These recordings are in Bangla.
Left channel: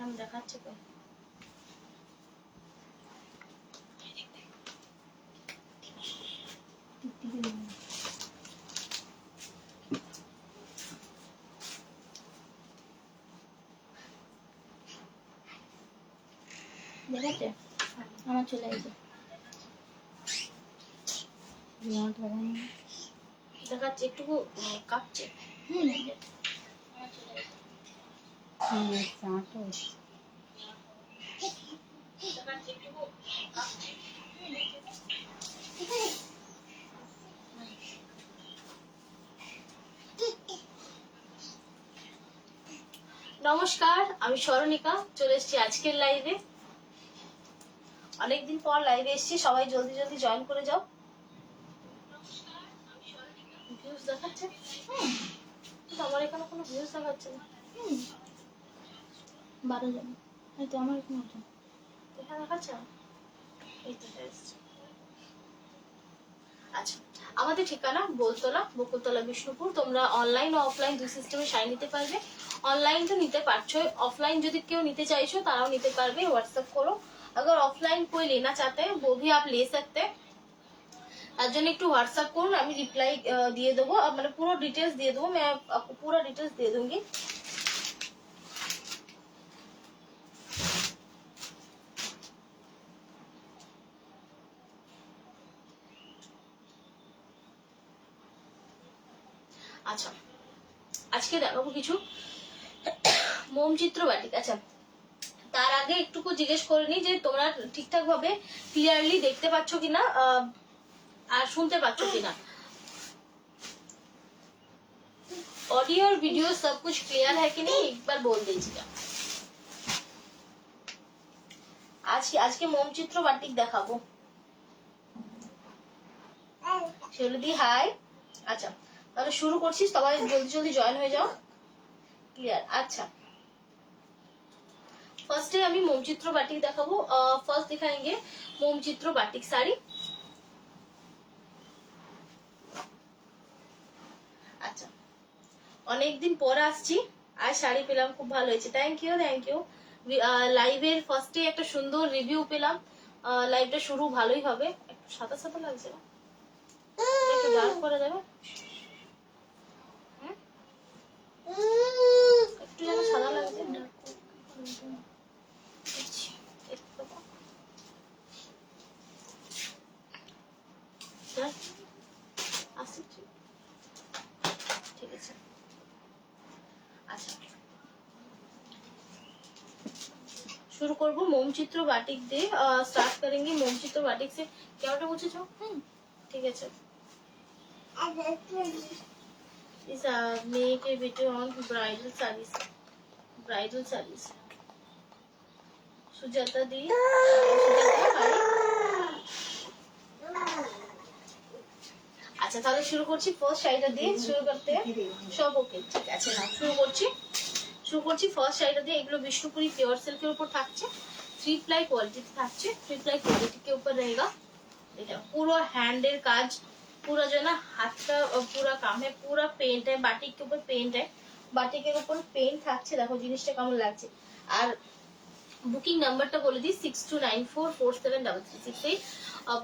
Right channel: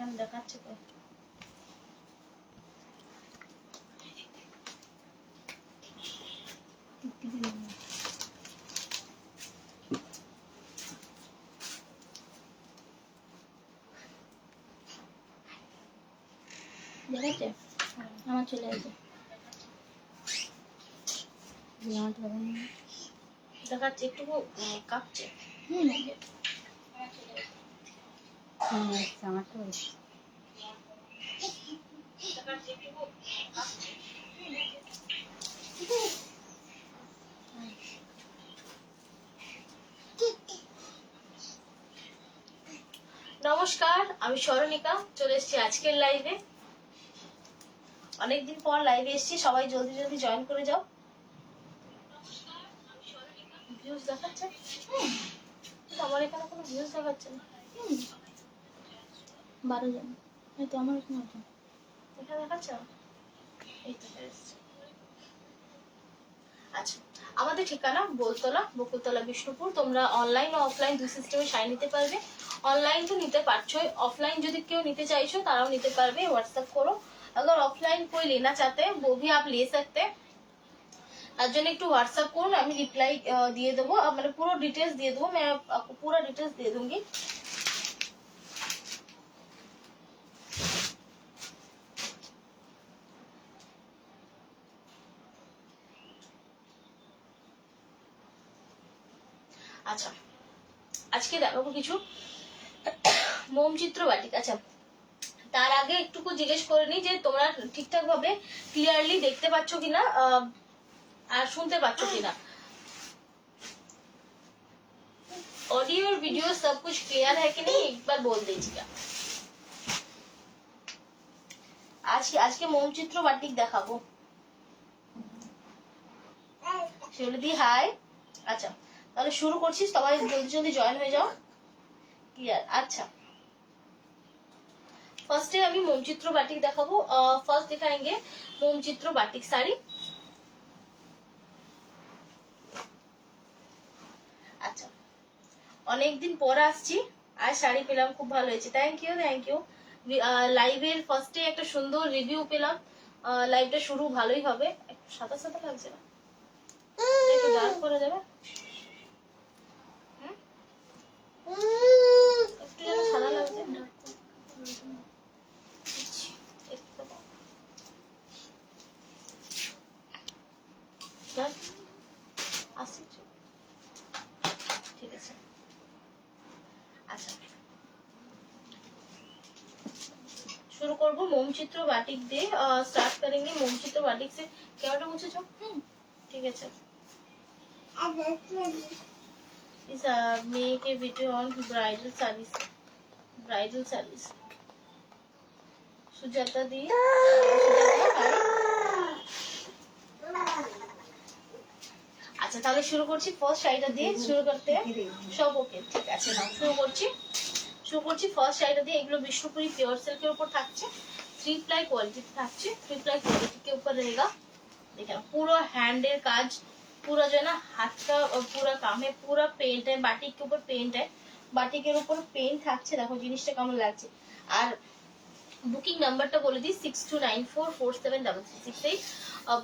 এখানে দেখাচ্ছে তো। দেখাচ্ছে আমার চলে গেছে, দেখাচ্ছে একটুকু কাঁপছে। আমারটা নমস্কার, আমি স্মরণিকা, চলে এসেছি আজকের লাইভে। অনেকদিন পর লাইভে এসেছি, সবাই জলদি জলদি জয়েন করে যাও। ভিউজ দেখাচ্ছে? আমার এখানে কোনো ভিউজ দেখাচ্ছে না। 12 জন, এই তো আমার এখানে আছে। এখানে দেখাচ্ছে? এই তো এসেছে। আচ্ছা, আমাদের ঠিকানা বোলতলা, বকুলতলা, বিষ্ণুপুর। তোমরা অনলাইন ও অফলাइन দুই সিস্টেমে শাড়ি নিতে পারবে। অনলাइन তো নিতে পারছো, অফলাइन যদি কেউ নিতে চাইছো তারাও নিতে পারবে। व्हाट्सएप करो, अगर ऑफलाइन कोई लेना चाहते हैं वो भी आप ले सकते हैं। তার জন্য একটু व्हाट्सएप করুন, আমি রিপ্লাই দিয়ে দেবো, মানে পুরো ডিটেলস দিয়ে দেবো। मैं आपको पूरा डिटेल्स दे दूंगी। আচ্ছা, আজকে দেখাবো কিছু মোমচিত্র বাটিক। আচ্ছা, তার আগে একটুকু জিজ্ঞেস করে নি যে তোমরা ঠিকঠাক ভাবে ক্লিয়ারলি দেখতে পাচ্ছ কিনা আর শুনতে পাচ্ছ কিনা। ऑडियो और वीडियो सब कुछ क्लियर है कि नहीं, एक बार बोल दीजिएगा। আজকে মোমচিত্র বাটিক দেখাবো। শিউলিদি হাই। আচ্ছা, তাহলে শুরু করছি, সবাই জলদি জলদি জয়েন হয়ে যাও। ক্লিয়ার? আচ্ছা, ফার্স্টে আমি মোমচিত্র বাটিক দেখাবো। ফার্স্ট दिखाएंगे মোমচিত্র বাটিক শাড়ি। আচ্ছা, অনেকদিন পর আসছি, আর শাড়ি পেলাম, খুব ভালো হয়েছে। Thank you, thank you. লাইভের ফার্স্টে একটা সুন্দর রিভিউ পেলাম। লাইভটা শুরু ভালোই হবে। একটু সাদা সাদা লাগছে না? একটু ডার্ক করা যাবে? একটু যেন সাদা লাগছে, ডার্ক আসছে। ঠিক আছে। আচ্ছা, शुरू करबो मोमचित्र बाटिक दे। स्टार्ट करेंगे मोमचित्र बाटिक से। क्या मुझे जो ठीक है। चल, इस मे के video on bridal saris, bridal saris Sujata di. আচ্ছা, তাহলে শুরু করছি। ফার্স্ট শাড়িটা দিয়ে শুরু করতে সব ওকে, ঠিক আছে। না, শুরু করছি ফার্স্ট শাড়িটা দিয়ে। এগুলো বিষ্ণুপুরি পিওর সিল্কের উপর থাকছে, 3 प्लाई क्वालिटी থাকছে। 3 प्लाई क्वालिटी के ऊपर रहेगा। देखा, पूरा हैंडेर काज, पूरा जो है ना हाथ का पूरा काम है, पूरा पेंट है, बाटिक के ऊपर पेंट है, বাটিকের উপর পেইন্ট থাকছে। দেখো জিনিসটা কেমন লাগছে। আর बुकिंग नंबर बोले दी 6294473368।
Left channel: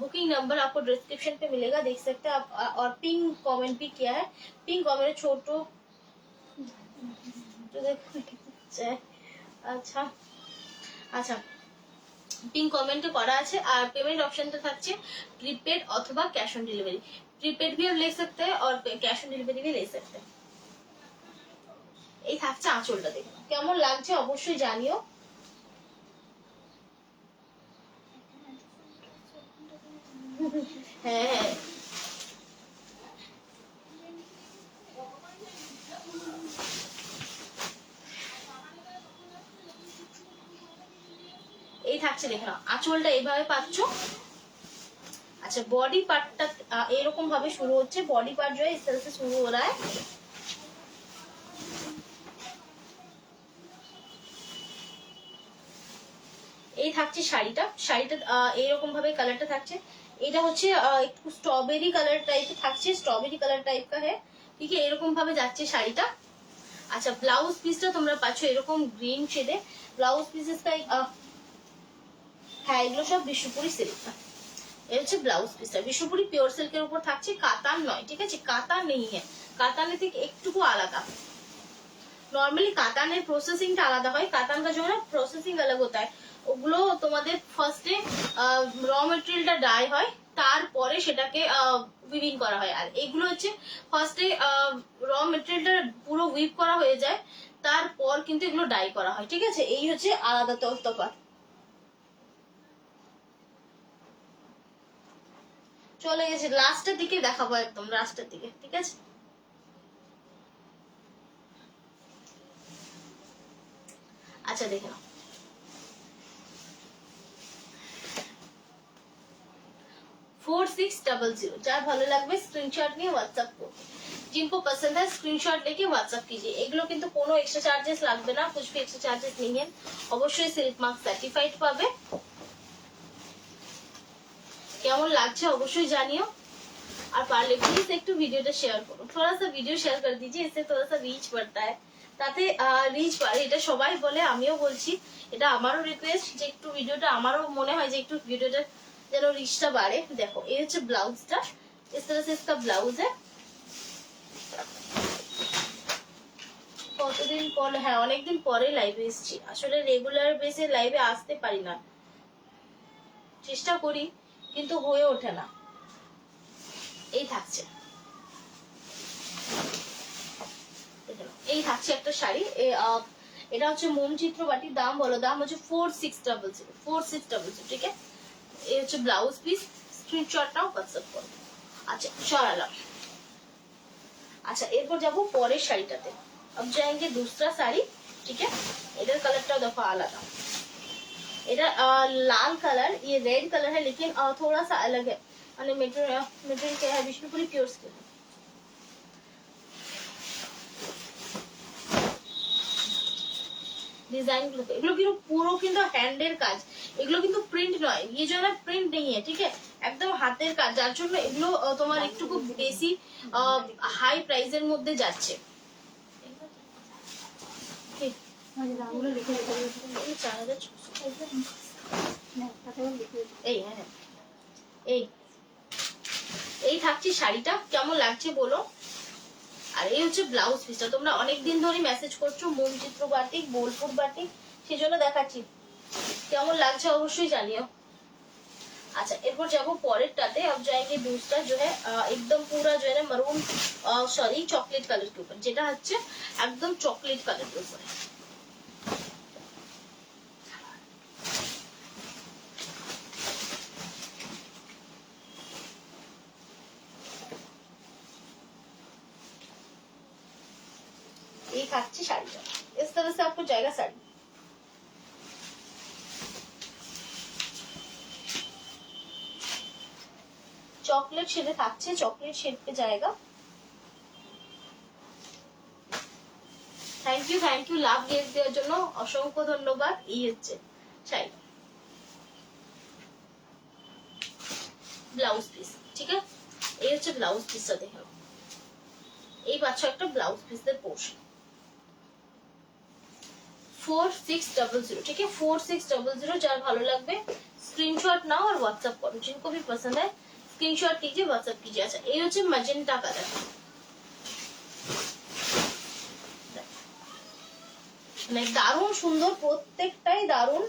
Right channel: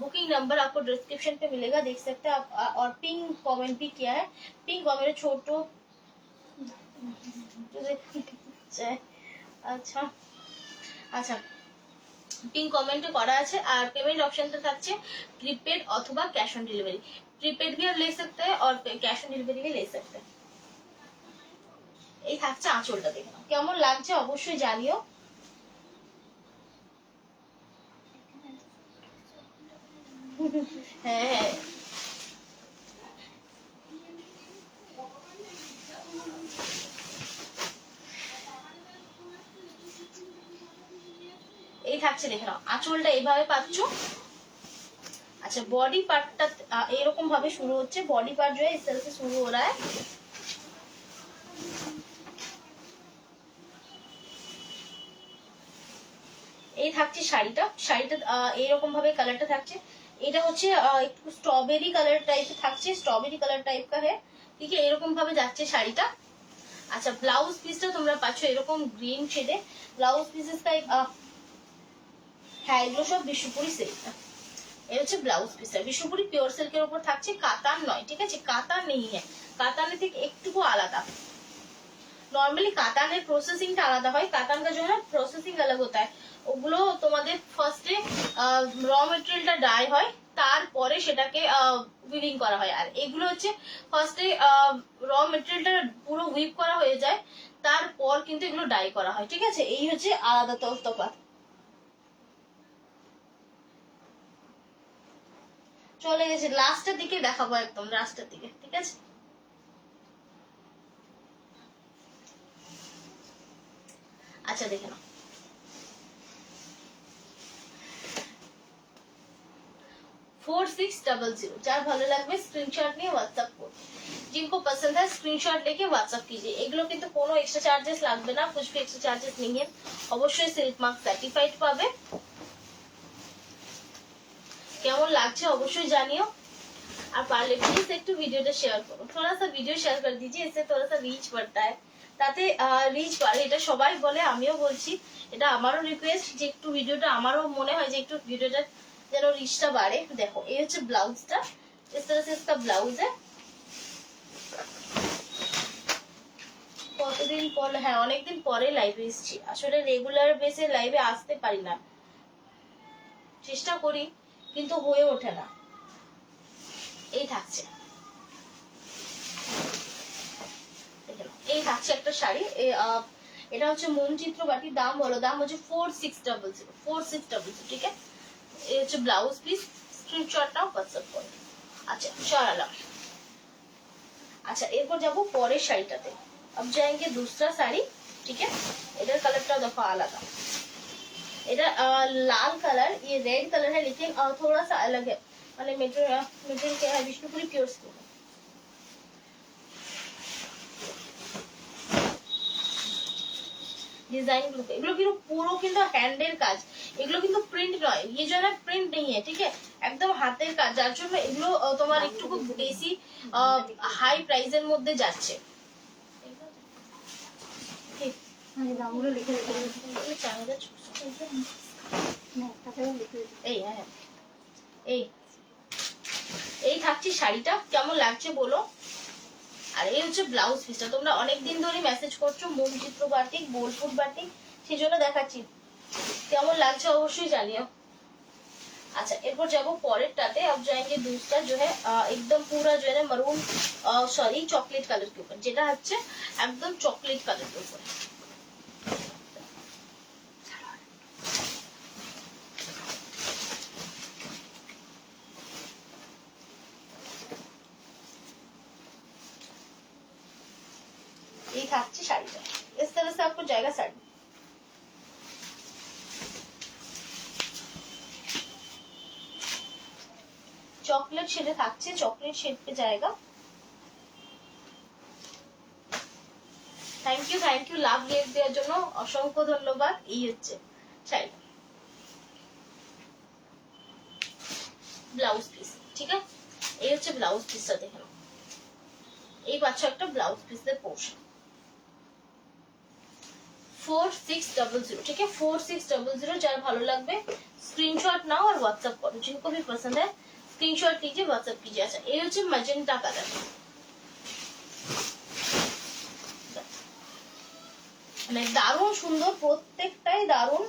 बुकिंग नंबर आपको डिस्क्रिप्शन पे मिलेगा, देख सकते हैं आप। और पिन कमेंट भी किया है, पिन कमेंट छोटो। আচ্ছা আচ্ছা, পিন কমেন্টে করা আছে। আর পেমেন্ট অপশনটা থাকছে प्रीपेड অথবা कैश ऑन डिलीवरी। प्रीपेड भी आप ले सकते हैं और कैश ऑन डिलीवरी भी ले सकते हैं। এই থাকছে আঁচলটা, দেখো কেমন লাগছে অবশ্যই জানিও। হ্যাঁ হ্যাঁ, এই থাকছে, দেখে নাও আঁচলটা এইভাবে পাচ্ছ। अच्छा, बॉडी पार्ट এরকম ভাবে শুরু হচ্ছে। बॉडी पार्ट जो है इस तरह से शुरू हो रहा है। এই থাকছে শাড়িটা। শাড়িটা এইরকম ভাবে কালারটা থাকছে। এটা হচ্ছে একটু স্ট্রবেরি কালার টাইপের থাকছে, স্ট্রবেরি কালার টাইপ का है। ঠিক আছে, এরকম ভাবে যাচ্ছে শাড়িটা। আচ্ছা ব্লাউজ পিসটা তোমরা পাচ্ছ এরকম গ্রিন শেডে, ব্লাউজ পিসেস তাই হ্যাঁ এগুলো সব বিশ্বপুরি সিল্ক। এই হচ্ছে ব্লাউজ পিসটা বিশ্বপুরি পিওর সিল্কের উপর থাকছে, কাতান নয়, ঠিক আছে, কাতান নেই হ্যাঁ, কাতানের থেকে একটুকু আলাদা। নর্মালি কাতানের প্রসেসিংটা আলাদা হয়, কাতান का जो है প্রসেসিং अलग होता है, ওগুলো তোমাদের ফার্স্টে র মেটেরিয়ালটা ডাই হয়, তারপরে সেটাকে উইভিং করা হয়। আর এগুলো হচ্ছে ফার্স্টে র মেটেরিয়ালটা পুরো উইভ করা হয়ে যায়, তারপর কিন্তু এগুলো ডাই করা হয়, ঠিক আছে, এই হচ্ছে আলাদা তফাৎ। চলে গেছে লাস্টের দিকে দেখাবো, একদম লাস্টের দিকে, ঠিক আছে। আচ্ছা দেখে নাও, 4600, যার ভালো লাগবে স্ক্রিনশট নিয়ে হোয়াটসঅ্যাপ করবে, जिनको पसंद है स्क्रीनशॉट लेके व्हाट्सएप कीजिए। এগুলো কিন্তু কোনো এক্সট্রা চার্জেস লাগবে না, कुछ भी এক্সট্রা চার্জেস नहीं है, অবশ্যই সিল্ক মার্ক সার্টিফাইড পাবে। কেমন লাগছে অবশ্যই জানিও, আর পারলে প্লিজ একটু ভিডিওটা শেয়ার করো, थोड़ा सा वीडियो शेयर कर दीजिए, इससे थोड़ा सा रीच बढ़ता है, তাতে রিচ বাড়ে, এটা সবাই বলে আমিও বলছি, এটা আমারও রিকোয়েস্ট যে একটু ভিডিওটা, আমারও মনে হয় যে একটু ভিডিওটা যেন রিচটা বাড়ে। দেখো এই হচ্ছে ব্লাউজটা, इस तरह से इसका ब्लाउज है। কতদিন পর, হ্যাঁ অনেকদিন পরে লাইভে এসেছি, আসলে রেগুলার বেসে লাইভে আসতে পারি না, চেষ্টা করি কিন্তু হয়ে ওঠে না। এই থাকছে, এই থাকছে একটা শাড়ি, এটা হচ্ছে মোম চিত্র বাটি, দাম বলো, দাম হচ্ছে 4600, 4600, ঠিক আছে। এই হচ্ছে ব্লাউজ পিস, স্ক্রিনশটটাও হোয়াটসঅ্যাপ করো। আচ্ছা সরালাম। আচ্ছা এরপর যাবো পরের শাড়িটাতে, अब जाएंगे दूसरा साड़ी, ठीक है। इधर कलरটা দেখো আলাদা, এটা लाल कलर, ये रेड कलर है, लेकिन थोड़ा सा अलग है, মানে মেটেরিয়াল क्या है, বিষ্ণুপুরি পিওর সিল্ক। डिजाइन এগুলো কিন্তু পুরো কিন্তু হ্যান্ডের কাজ, এগুলো কিন্তু প্রিন্ট নয়, ये जो है प्रिंट नहीं है, ठीक है, একদম হাতের কাজ, যার জন্য এগুলো তোমার একটু খুব বেশি হাই প্রাইসের মধ্যে যাচ্ছে। এই থাকছে শাড়িটা, কেমন লাগছে বলো। আর এই হচ্ছে ব্লাউজ পিসটা, তোমরা অনেকদিন ধরে মেসেজ করছো মোম চিত্র বাটিক, বোলপুর বাটিক, সেই জন্য দেখাচ্ছি, কেমন লাগছে অবশ্যই জানিও। अच्छा एरपर जाबो परेरटाते, अब जाएंगे दूसरा जो है एकदम पूरा जो है मरून सॉरी चॉकलेट कलर के ऊपर, जेटा हच्छे एकदम चॉकलेट कलर के ऊपर। ये থাকছে শাড়িটা, इस तरह से आपको जाएगा साड़ी। चॉकलेट शेडे থাকছে, चॉकलेट शेड पे जाएगा। थैंक यू লাভ গিফট দেওয়ার জন্য অসংখ্য ধন্যবাদ। এই হচ্ছে শাড়িটা, ব্লাউজ পিস, ঠিক আছে, এই হচ্ছে ব্লাউজ পিসটা, দেখো এই পাচ্ছ একটা ব্লাউজ পিসের পোর্শন, 4600, ठीक है, 4600, যার ভালো লাগবে স্ক্রিনশট নাও और व्हाट्सएप करो, जिनको भी पसंद है स्क्रीनशॉट कीजिए, व्हाट्सएप कीजिए। अच्छा ये হচ্ছে ম্যাজেন্টা কালার, মানে দারুণ সুন্দর, প্রত্যেকটাই দারুণ,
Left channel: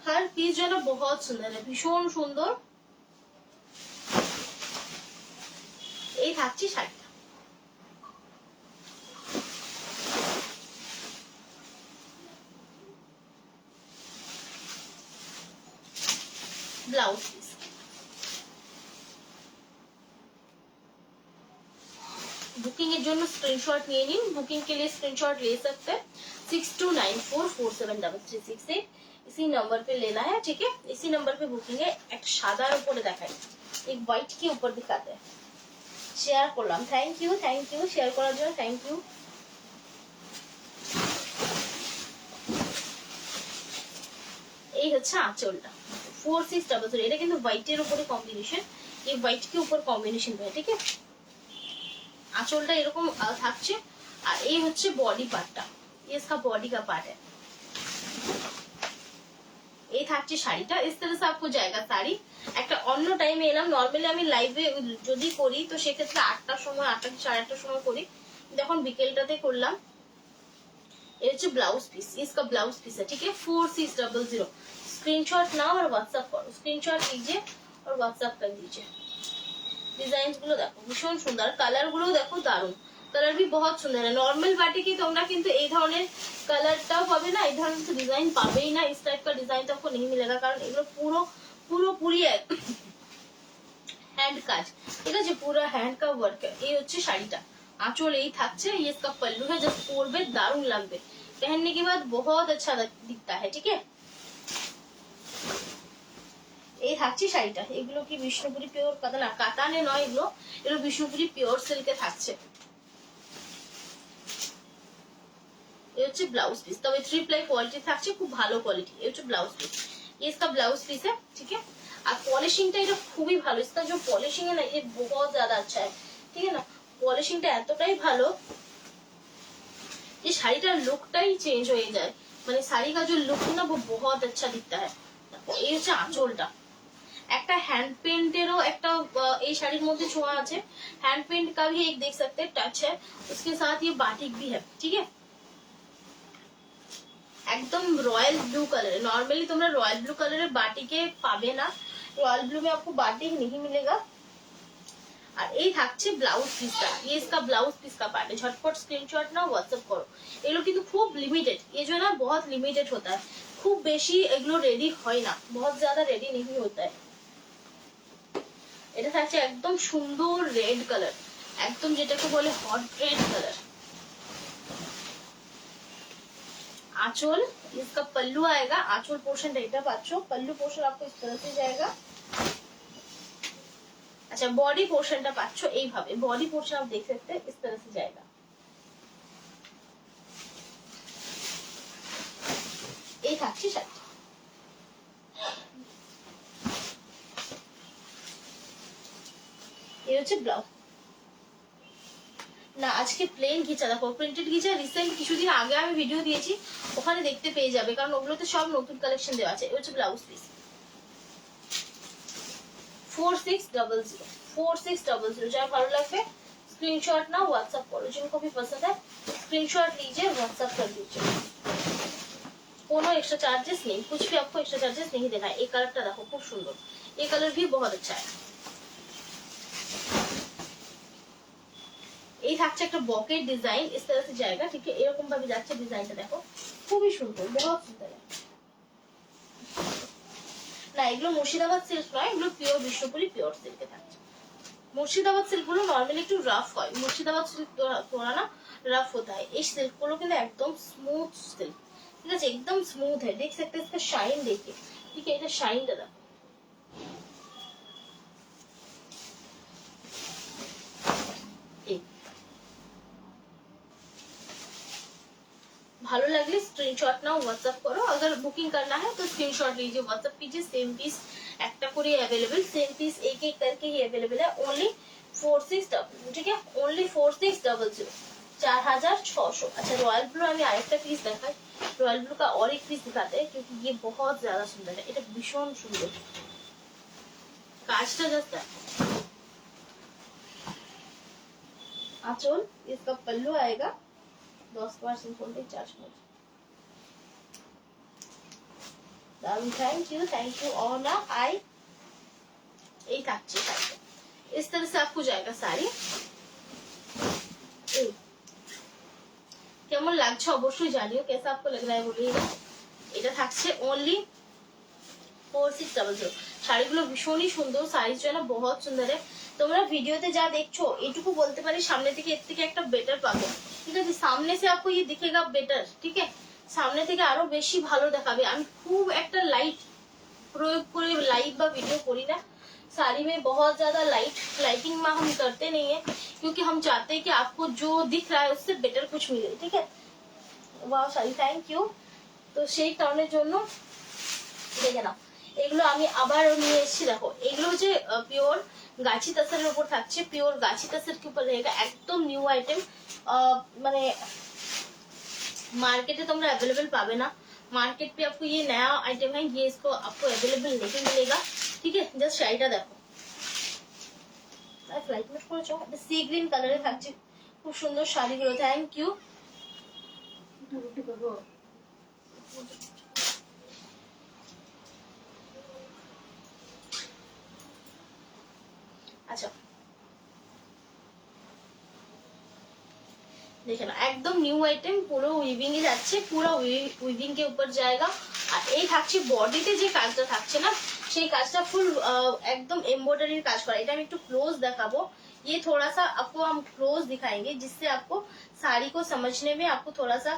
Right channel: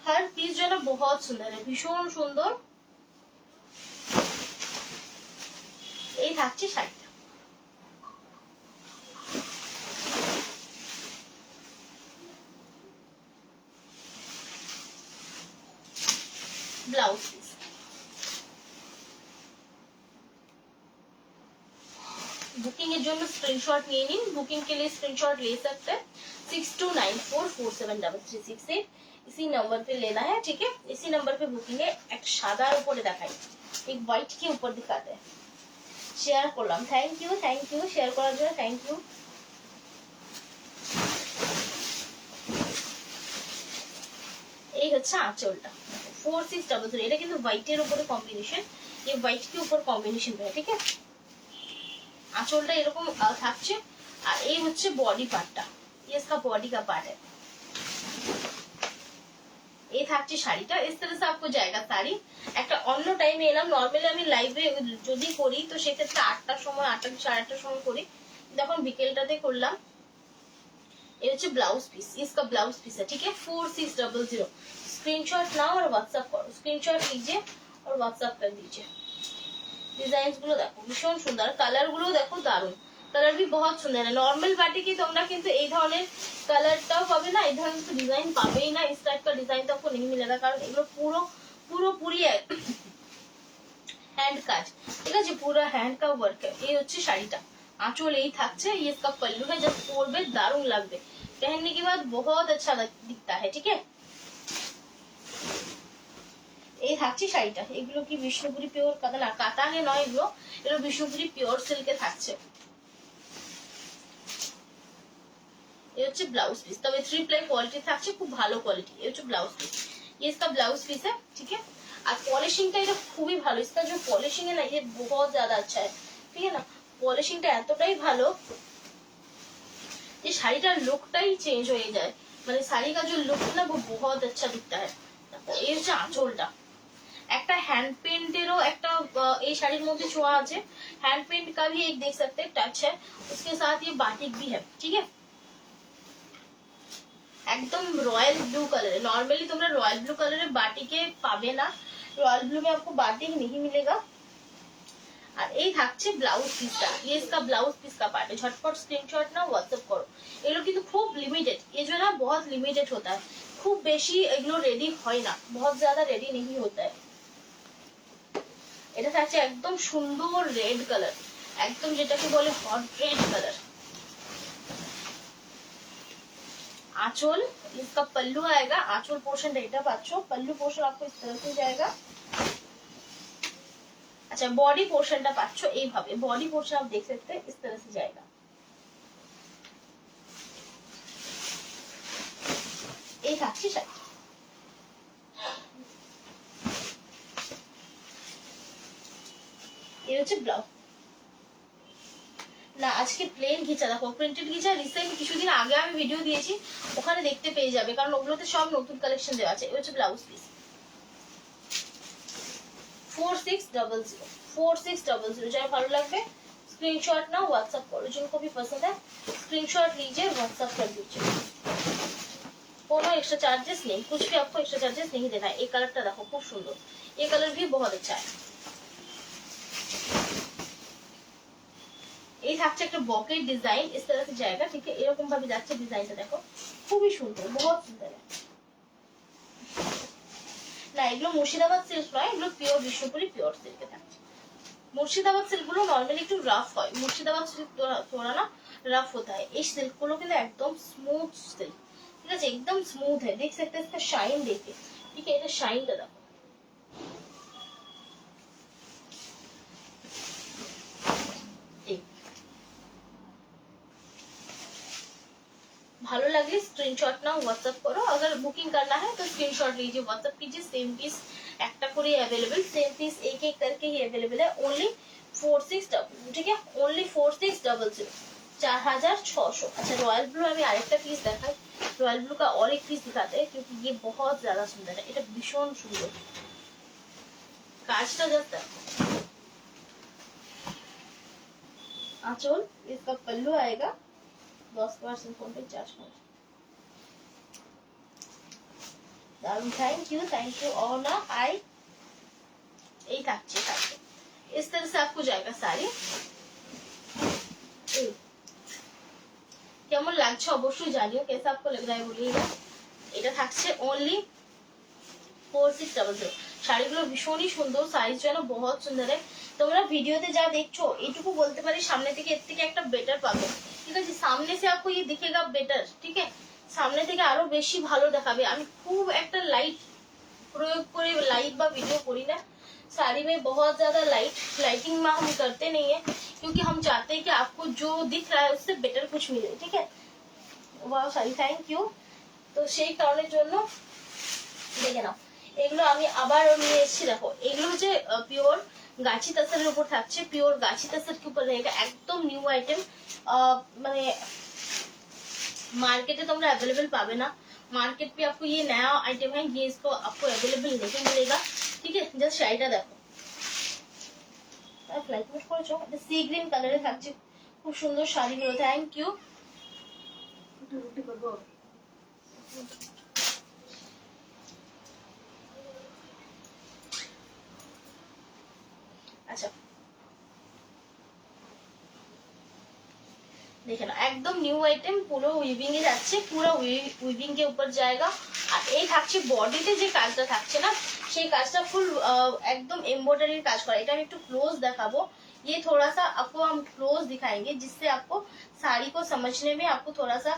हर पीस जो है ना बहुत सुंदर है, ভীষণ সুন্দর। এই থাকছে শাড়িটা, ब्लाउज पीस। बुकिंग এর জন্য স্ক্রিনশট নিয়ে নিন, বুকিং के लिए स्क्रीनशॉट ले सकते हैं, 6294473368, इसी नंबर पे लेना है, ठीक है, इसी नंबर पे बुकिंग है। एक সাদার উপরে দেখাই, एक व्हाइट के ऊपर दिखाते हैं। শেয়ার করলাম, থ্যাংক ইউ শেয়ার করার জন্য, থ্যাংক ইউ। এই হচ্ছে আঁচলটা, 4600, এটা কিন্তু হোয়াইটের উপরে কম্বিনেশন, ये व्हाइट के ऊपर कॉम्बिनेशन है, ठीक है। আঁচলটা এরকম থাকছে, আর এই হচ্ছে বডি পার্টটা, ये इसका बॉडी का पार्ट है। এই থাকছে শাড়িটা, इस तरह से आपको जाएगा শাড়ি। একটা অন্য টাইমে এলাম, নরমালি আমি লাইভে যদি করি তো সেক্ষেত্রে 8টার সময়, 8টা কি 8:30টার সময় করি, এখন বিকেলটাতে করলাম। ये হচ্ছে ब्लाउज पीस, इसका ब्लाउज पीस है, ठीक है। 4600 स्क्रीनशॉट नाउ और व्हाट्सएप करो, स्क्रीनशॉट लीजिए और व्हाट्सएप कर दीजिए। डिजाइन গুলো দেখো ভীষণ সুন্দর, কালার গুলো দেখো দারুণ, কালার भी बहुत সুন্দর है। নরমাল বাটিকে তোমরা কিন্তু এই ধরনের কালারটাও পাবে না, এই ধরনের ডিজাইন পাবেই না, इस टाइप का डिजाइन तो आपको नहीं मिलेगा, কারণ এগুলো পুরোপুরি হ্যান্ড কাজ, ঠিক আছে, পুরো হ্যান্ড का वर्क है। এই হচ্ছে শাড়িটা, आंचल यही থাকছে, ये इसका पल्लू है, जब পরবে দারুণ লাগবে, पहनने के बाद बहुत अच्छा दिखता है, ठीक है। এই থাকছে শাড়িটা, এগুলো কি বিষ্ণুপুরি পিওর কাতান, না কাতানে নয়, এগুলো বিষ্ণুপুরি পিওর সিল্কে থাকছে। এই হচ্ছে ব্লাউজ পিস, তবে 3 প্লাই কোয়ালিটি থাকছে, খুব ভালো কোয়ালিটি। এই হচ্ছে ব্লাউজ পিস, ये इसका ब्लाउज पीस है, ठीक है। আর পলিশিংটা এটা খুবই ভালো, इसका जो पॉलिशिंग है ना ये बहुत ज्यादा अच्छा है, ठीक है ना। পলিশিংটা এতটাই ভালো যে শাড়িটার লুকটাই চেঞ্জ হয়ে যায়, মানে শাড়ি का जो लुक है ना वो बहुत अच्छा दिखता है। এই হচ্ছে আঁচলটা, একটা হ্যান্ড পেন্টেরও একটা এই শাড়ির মধ্যে ছোঁয়া আছে, हैंड पेंट का भी एक देख सकते हैं टच है, उसके साथ ये बाटिक भी है, ठीक है। एकदम रॉयल ब्लू कलर है, नॉर्मली तुम्हारा रॉयल ब्लू कलर है बाटिके पावे ना, रॉयल ब्लू में आपको बाटिक नहीं मिलेगा। আর এই থাকছে ব্লাউজ পিসটা, ये इसका ब्लाउज पीस का पार्ट है। झटपट स्क्रीनशॉट ना व्हाट्सएप करो, এগুলো কিন্তু খুব লিমিটেড, ये जो है ना बहुत लिमिटेड होता है, খুব বেশি এগুলো রেডি হয় না, बहुत ज्यादा रेडी नहीं होता है। এটা থাকছে একদম সুন্দর রেড কালার, একদম যেটাকে বলে হট রেড কালার। आंचल, इसका पल्लू आएगा, आंचल पोर्शन এটা পাচ্ছো, पल्लू पोर्शन आपको इस तरह से जाएगा। अच्छा बॉडी पोर्शनটা পাচ্ছো এইভাবে, बॉडी पोर्शन आप देख सकते हैं इस तरह से जाएगा। এই থাকছে শাড়ি, এই হচ্ছে ব্লাউজ। না আজকে প্লেন ঘিচা দেখো, প্রিন্টেড ঘিচা রিসেন্ট কিছুদিন আগে আমি ভিডিও দিয়েছি, ওখানে দেখতে পেয়ে যাবে, কারণ ওগুলোতে সব নতুন কালেকশন দেওয়া আছে। এই হচ্ছে ব্লাউজ পিস, 4600 যারা ভালো লাগবে स्क्रीनशॉट ना व्हाट्सएप करो, जिनको भी पसंद है स्क्रीनशॉट लीजिए, व्हाट्सएप कर दीजिए। कोनो एक्स्ट्रा चार्जेस नहीं, कुछ भी आपको एक्स्ट्रा चार्जेस नहीं देना है। ये कलरটা দেখো খুব সুন্দর, ये कलर भी बहुत अच्छा है। এই থাকছে একটা বকেট ডিজাইন, इस तरह से जाएगा, ठीक है। এরকম ভাবে যাচ্ছে ডিজাইনটা দেখো, খুবই সুন্দর, बहुत সুন্দর है। না এগুলো মুর্শিদাবাদ সিল্ক নয়, এগুলো পিওর বিষ্ণুপুরি পিওর সিল্কে থাকছে। মুর্শিদাবাদ সিল্ক গুলো নর্মালি একটু রাফ হয়, মুর্শিদাবাদ সিল্ক थोड़ा ना रफ होता है, এই সিল্ক গুলো কিন্তু একদম স্মুথ সিল্ক, ঠিক আছে, एकदम स्मूथ है, देख सकते हैं इसका शाइन देखिए, ठीक है। এটা শাইনটা দেখো, ভালো লাগলে স্ক্রিনশট নাও, व्हाट्सएप करो। अगर बुकिंग करना है तो स्क्रीनशॉट लीजिए, व्हाट्सएप कीजिए। सेम पीस একটা করে अवेलेबल, सेम पीस एक एक करके ही अवेलेबल है, ओनली 4600, ठीक है, ओनली 4600, 4600। अच्छा रॉयल ब्लू আমি আরেকটা পিস দেখাই, रॉयल ब्लू का और एक पीस दिखाते हैं, क्योंकि ये बहुत ज्यादा सुंदर है, এটা ভীষণ সুন্দর কাজটা জাস্ট দেখো। आंचल, इसका पल्लू आएगा, 10% कॉन्टेक्ट चार्ज मोड। दारुण, थैंक यू और ना आई। एक अच्छी साड़ी, इस तरह से आपको जाएगा साड़ी। কেমন লাগছে অবশ্যই জানিও, कैसा आपको लग रहा है बोलिएगा। এটা থাকছে ओनली 4600। শাড়িগুলো ভীষণই সুন্দর, সাইজ যেন बहुत সুন্দর है। তোমরা ভিডিওতে যা দেখছো এইটুকু বলতে পারি সামনে থেকে এর থেকে একটা বেটার পাবে, ঠিক আছে। সামনে से आपको ये दिखेगा बेटर, ठीक है, সামনে থেকে আরো বেশি ভালো দেখাবে। আমি খুব একটা লাইট প্রয়োগ করে লাইভ বা ভিডিও করি না, साड़ी में बहुत ज्यादा लाइटिंग में हम करते नहीं है, क्योंकि हम चाहते हैं कि आपको जो दिख रहा है उससे बेटर कुछ मिले, ठीक है। वाह साड़ी, थैंक यू। তো সেই কারণের জন্য দেখে নাও, এগুলো আমি আবার নিয়ে এসেছি, দেখো এগুলো যে পিওর গাছি তাসারের উপর থাকছে, পিওর গাছি তাসার के ऊपर रहेगा, एकदम न्यू आइटम, মানে मार्केट में तुमरा अवेलेबल पावे ना, मार्केट पे आपको ये नया आइटम है, ये इसको आपको अवेलेबल नहीं मिलेगा। ठीक है, जस्ट শাড়িটা দেখো, ফ্লাইট মোড করেছো, এটা সি গ্রিন কালারে থাকছে, খুব সুন্দর শাড়িগুলো। Thank you. আচ্ছা দেখে না, একদম নিউ আইটেম, পুরো উইভিং এ যাচ্ছে, পুরো উইভিং के ऊपर जाएगा। আর এই থাকছে বডিতে যে কাজটা থাকছে না, সেই কাজটা ফুল एकदम एम्ब्रॉयडरी কাজ করা। এটা আমি একটু ক্লোজ দেখাবো, ये थोड़ा सा आपको हम क्लोज दिखाएंगे जिससे आपको साड़ी को समझने में आपको थोड़ा सा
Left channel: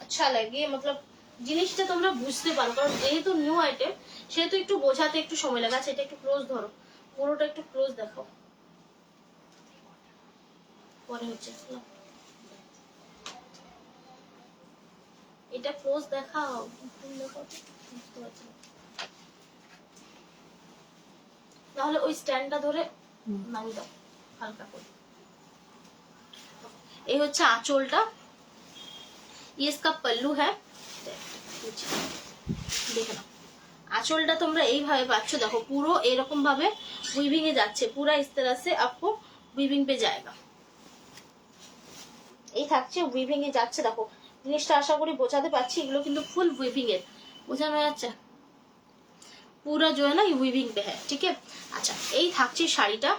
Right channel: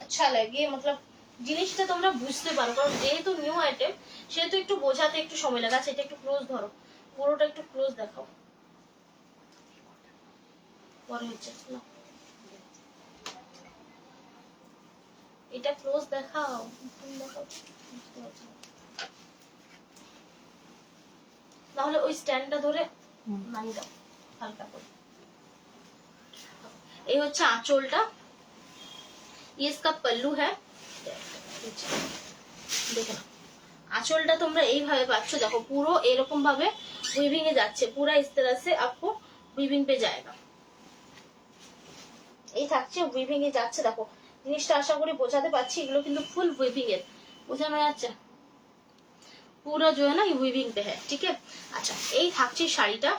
अच्छा लगे, मतलब জিনিসটা তোমরা বুঝতে পারো, কারণ যেহেতু নিউ আইটেম সেহেতু একটু বোঝাতে একটু সময় লাগে। সেটা একটু ক্লোজ ধরো, পুরোটা একটু ক্লোজ দেখাও, পরে হচ্ছে না এটা ক্লোজ দেখাও, তাহলে ওই স্ট্যান্ডটা ধরে নামিয়ে দাও হালকা করে। এই হচ্ছে আঁচলটা, ये इसका पल्लू है, দেখে নাও আঁচলটা তোমরা এইভাবে পাচ্ছ, দেখো পুরো এরকম ভাবে উইভিং এ যাচ্ছে, পুরা इस तरह से आपको উইভিং पे जाएगा। এই থাকছে উইভিং এ যাচ্ছে, দেখো জিনিসটা আশা করি বোঝাতে পারছি, এগুলো কিন্তু ফুল উইভিং এর, বোঝানো যাচ্ছে পুরো जो है ना উইভিং पे है। ठीक है, আচ্ছা এই থাকছে শাড়িটা,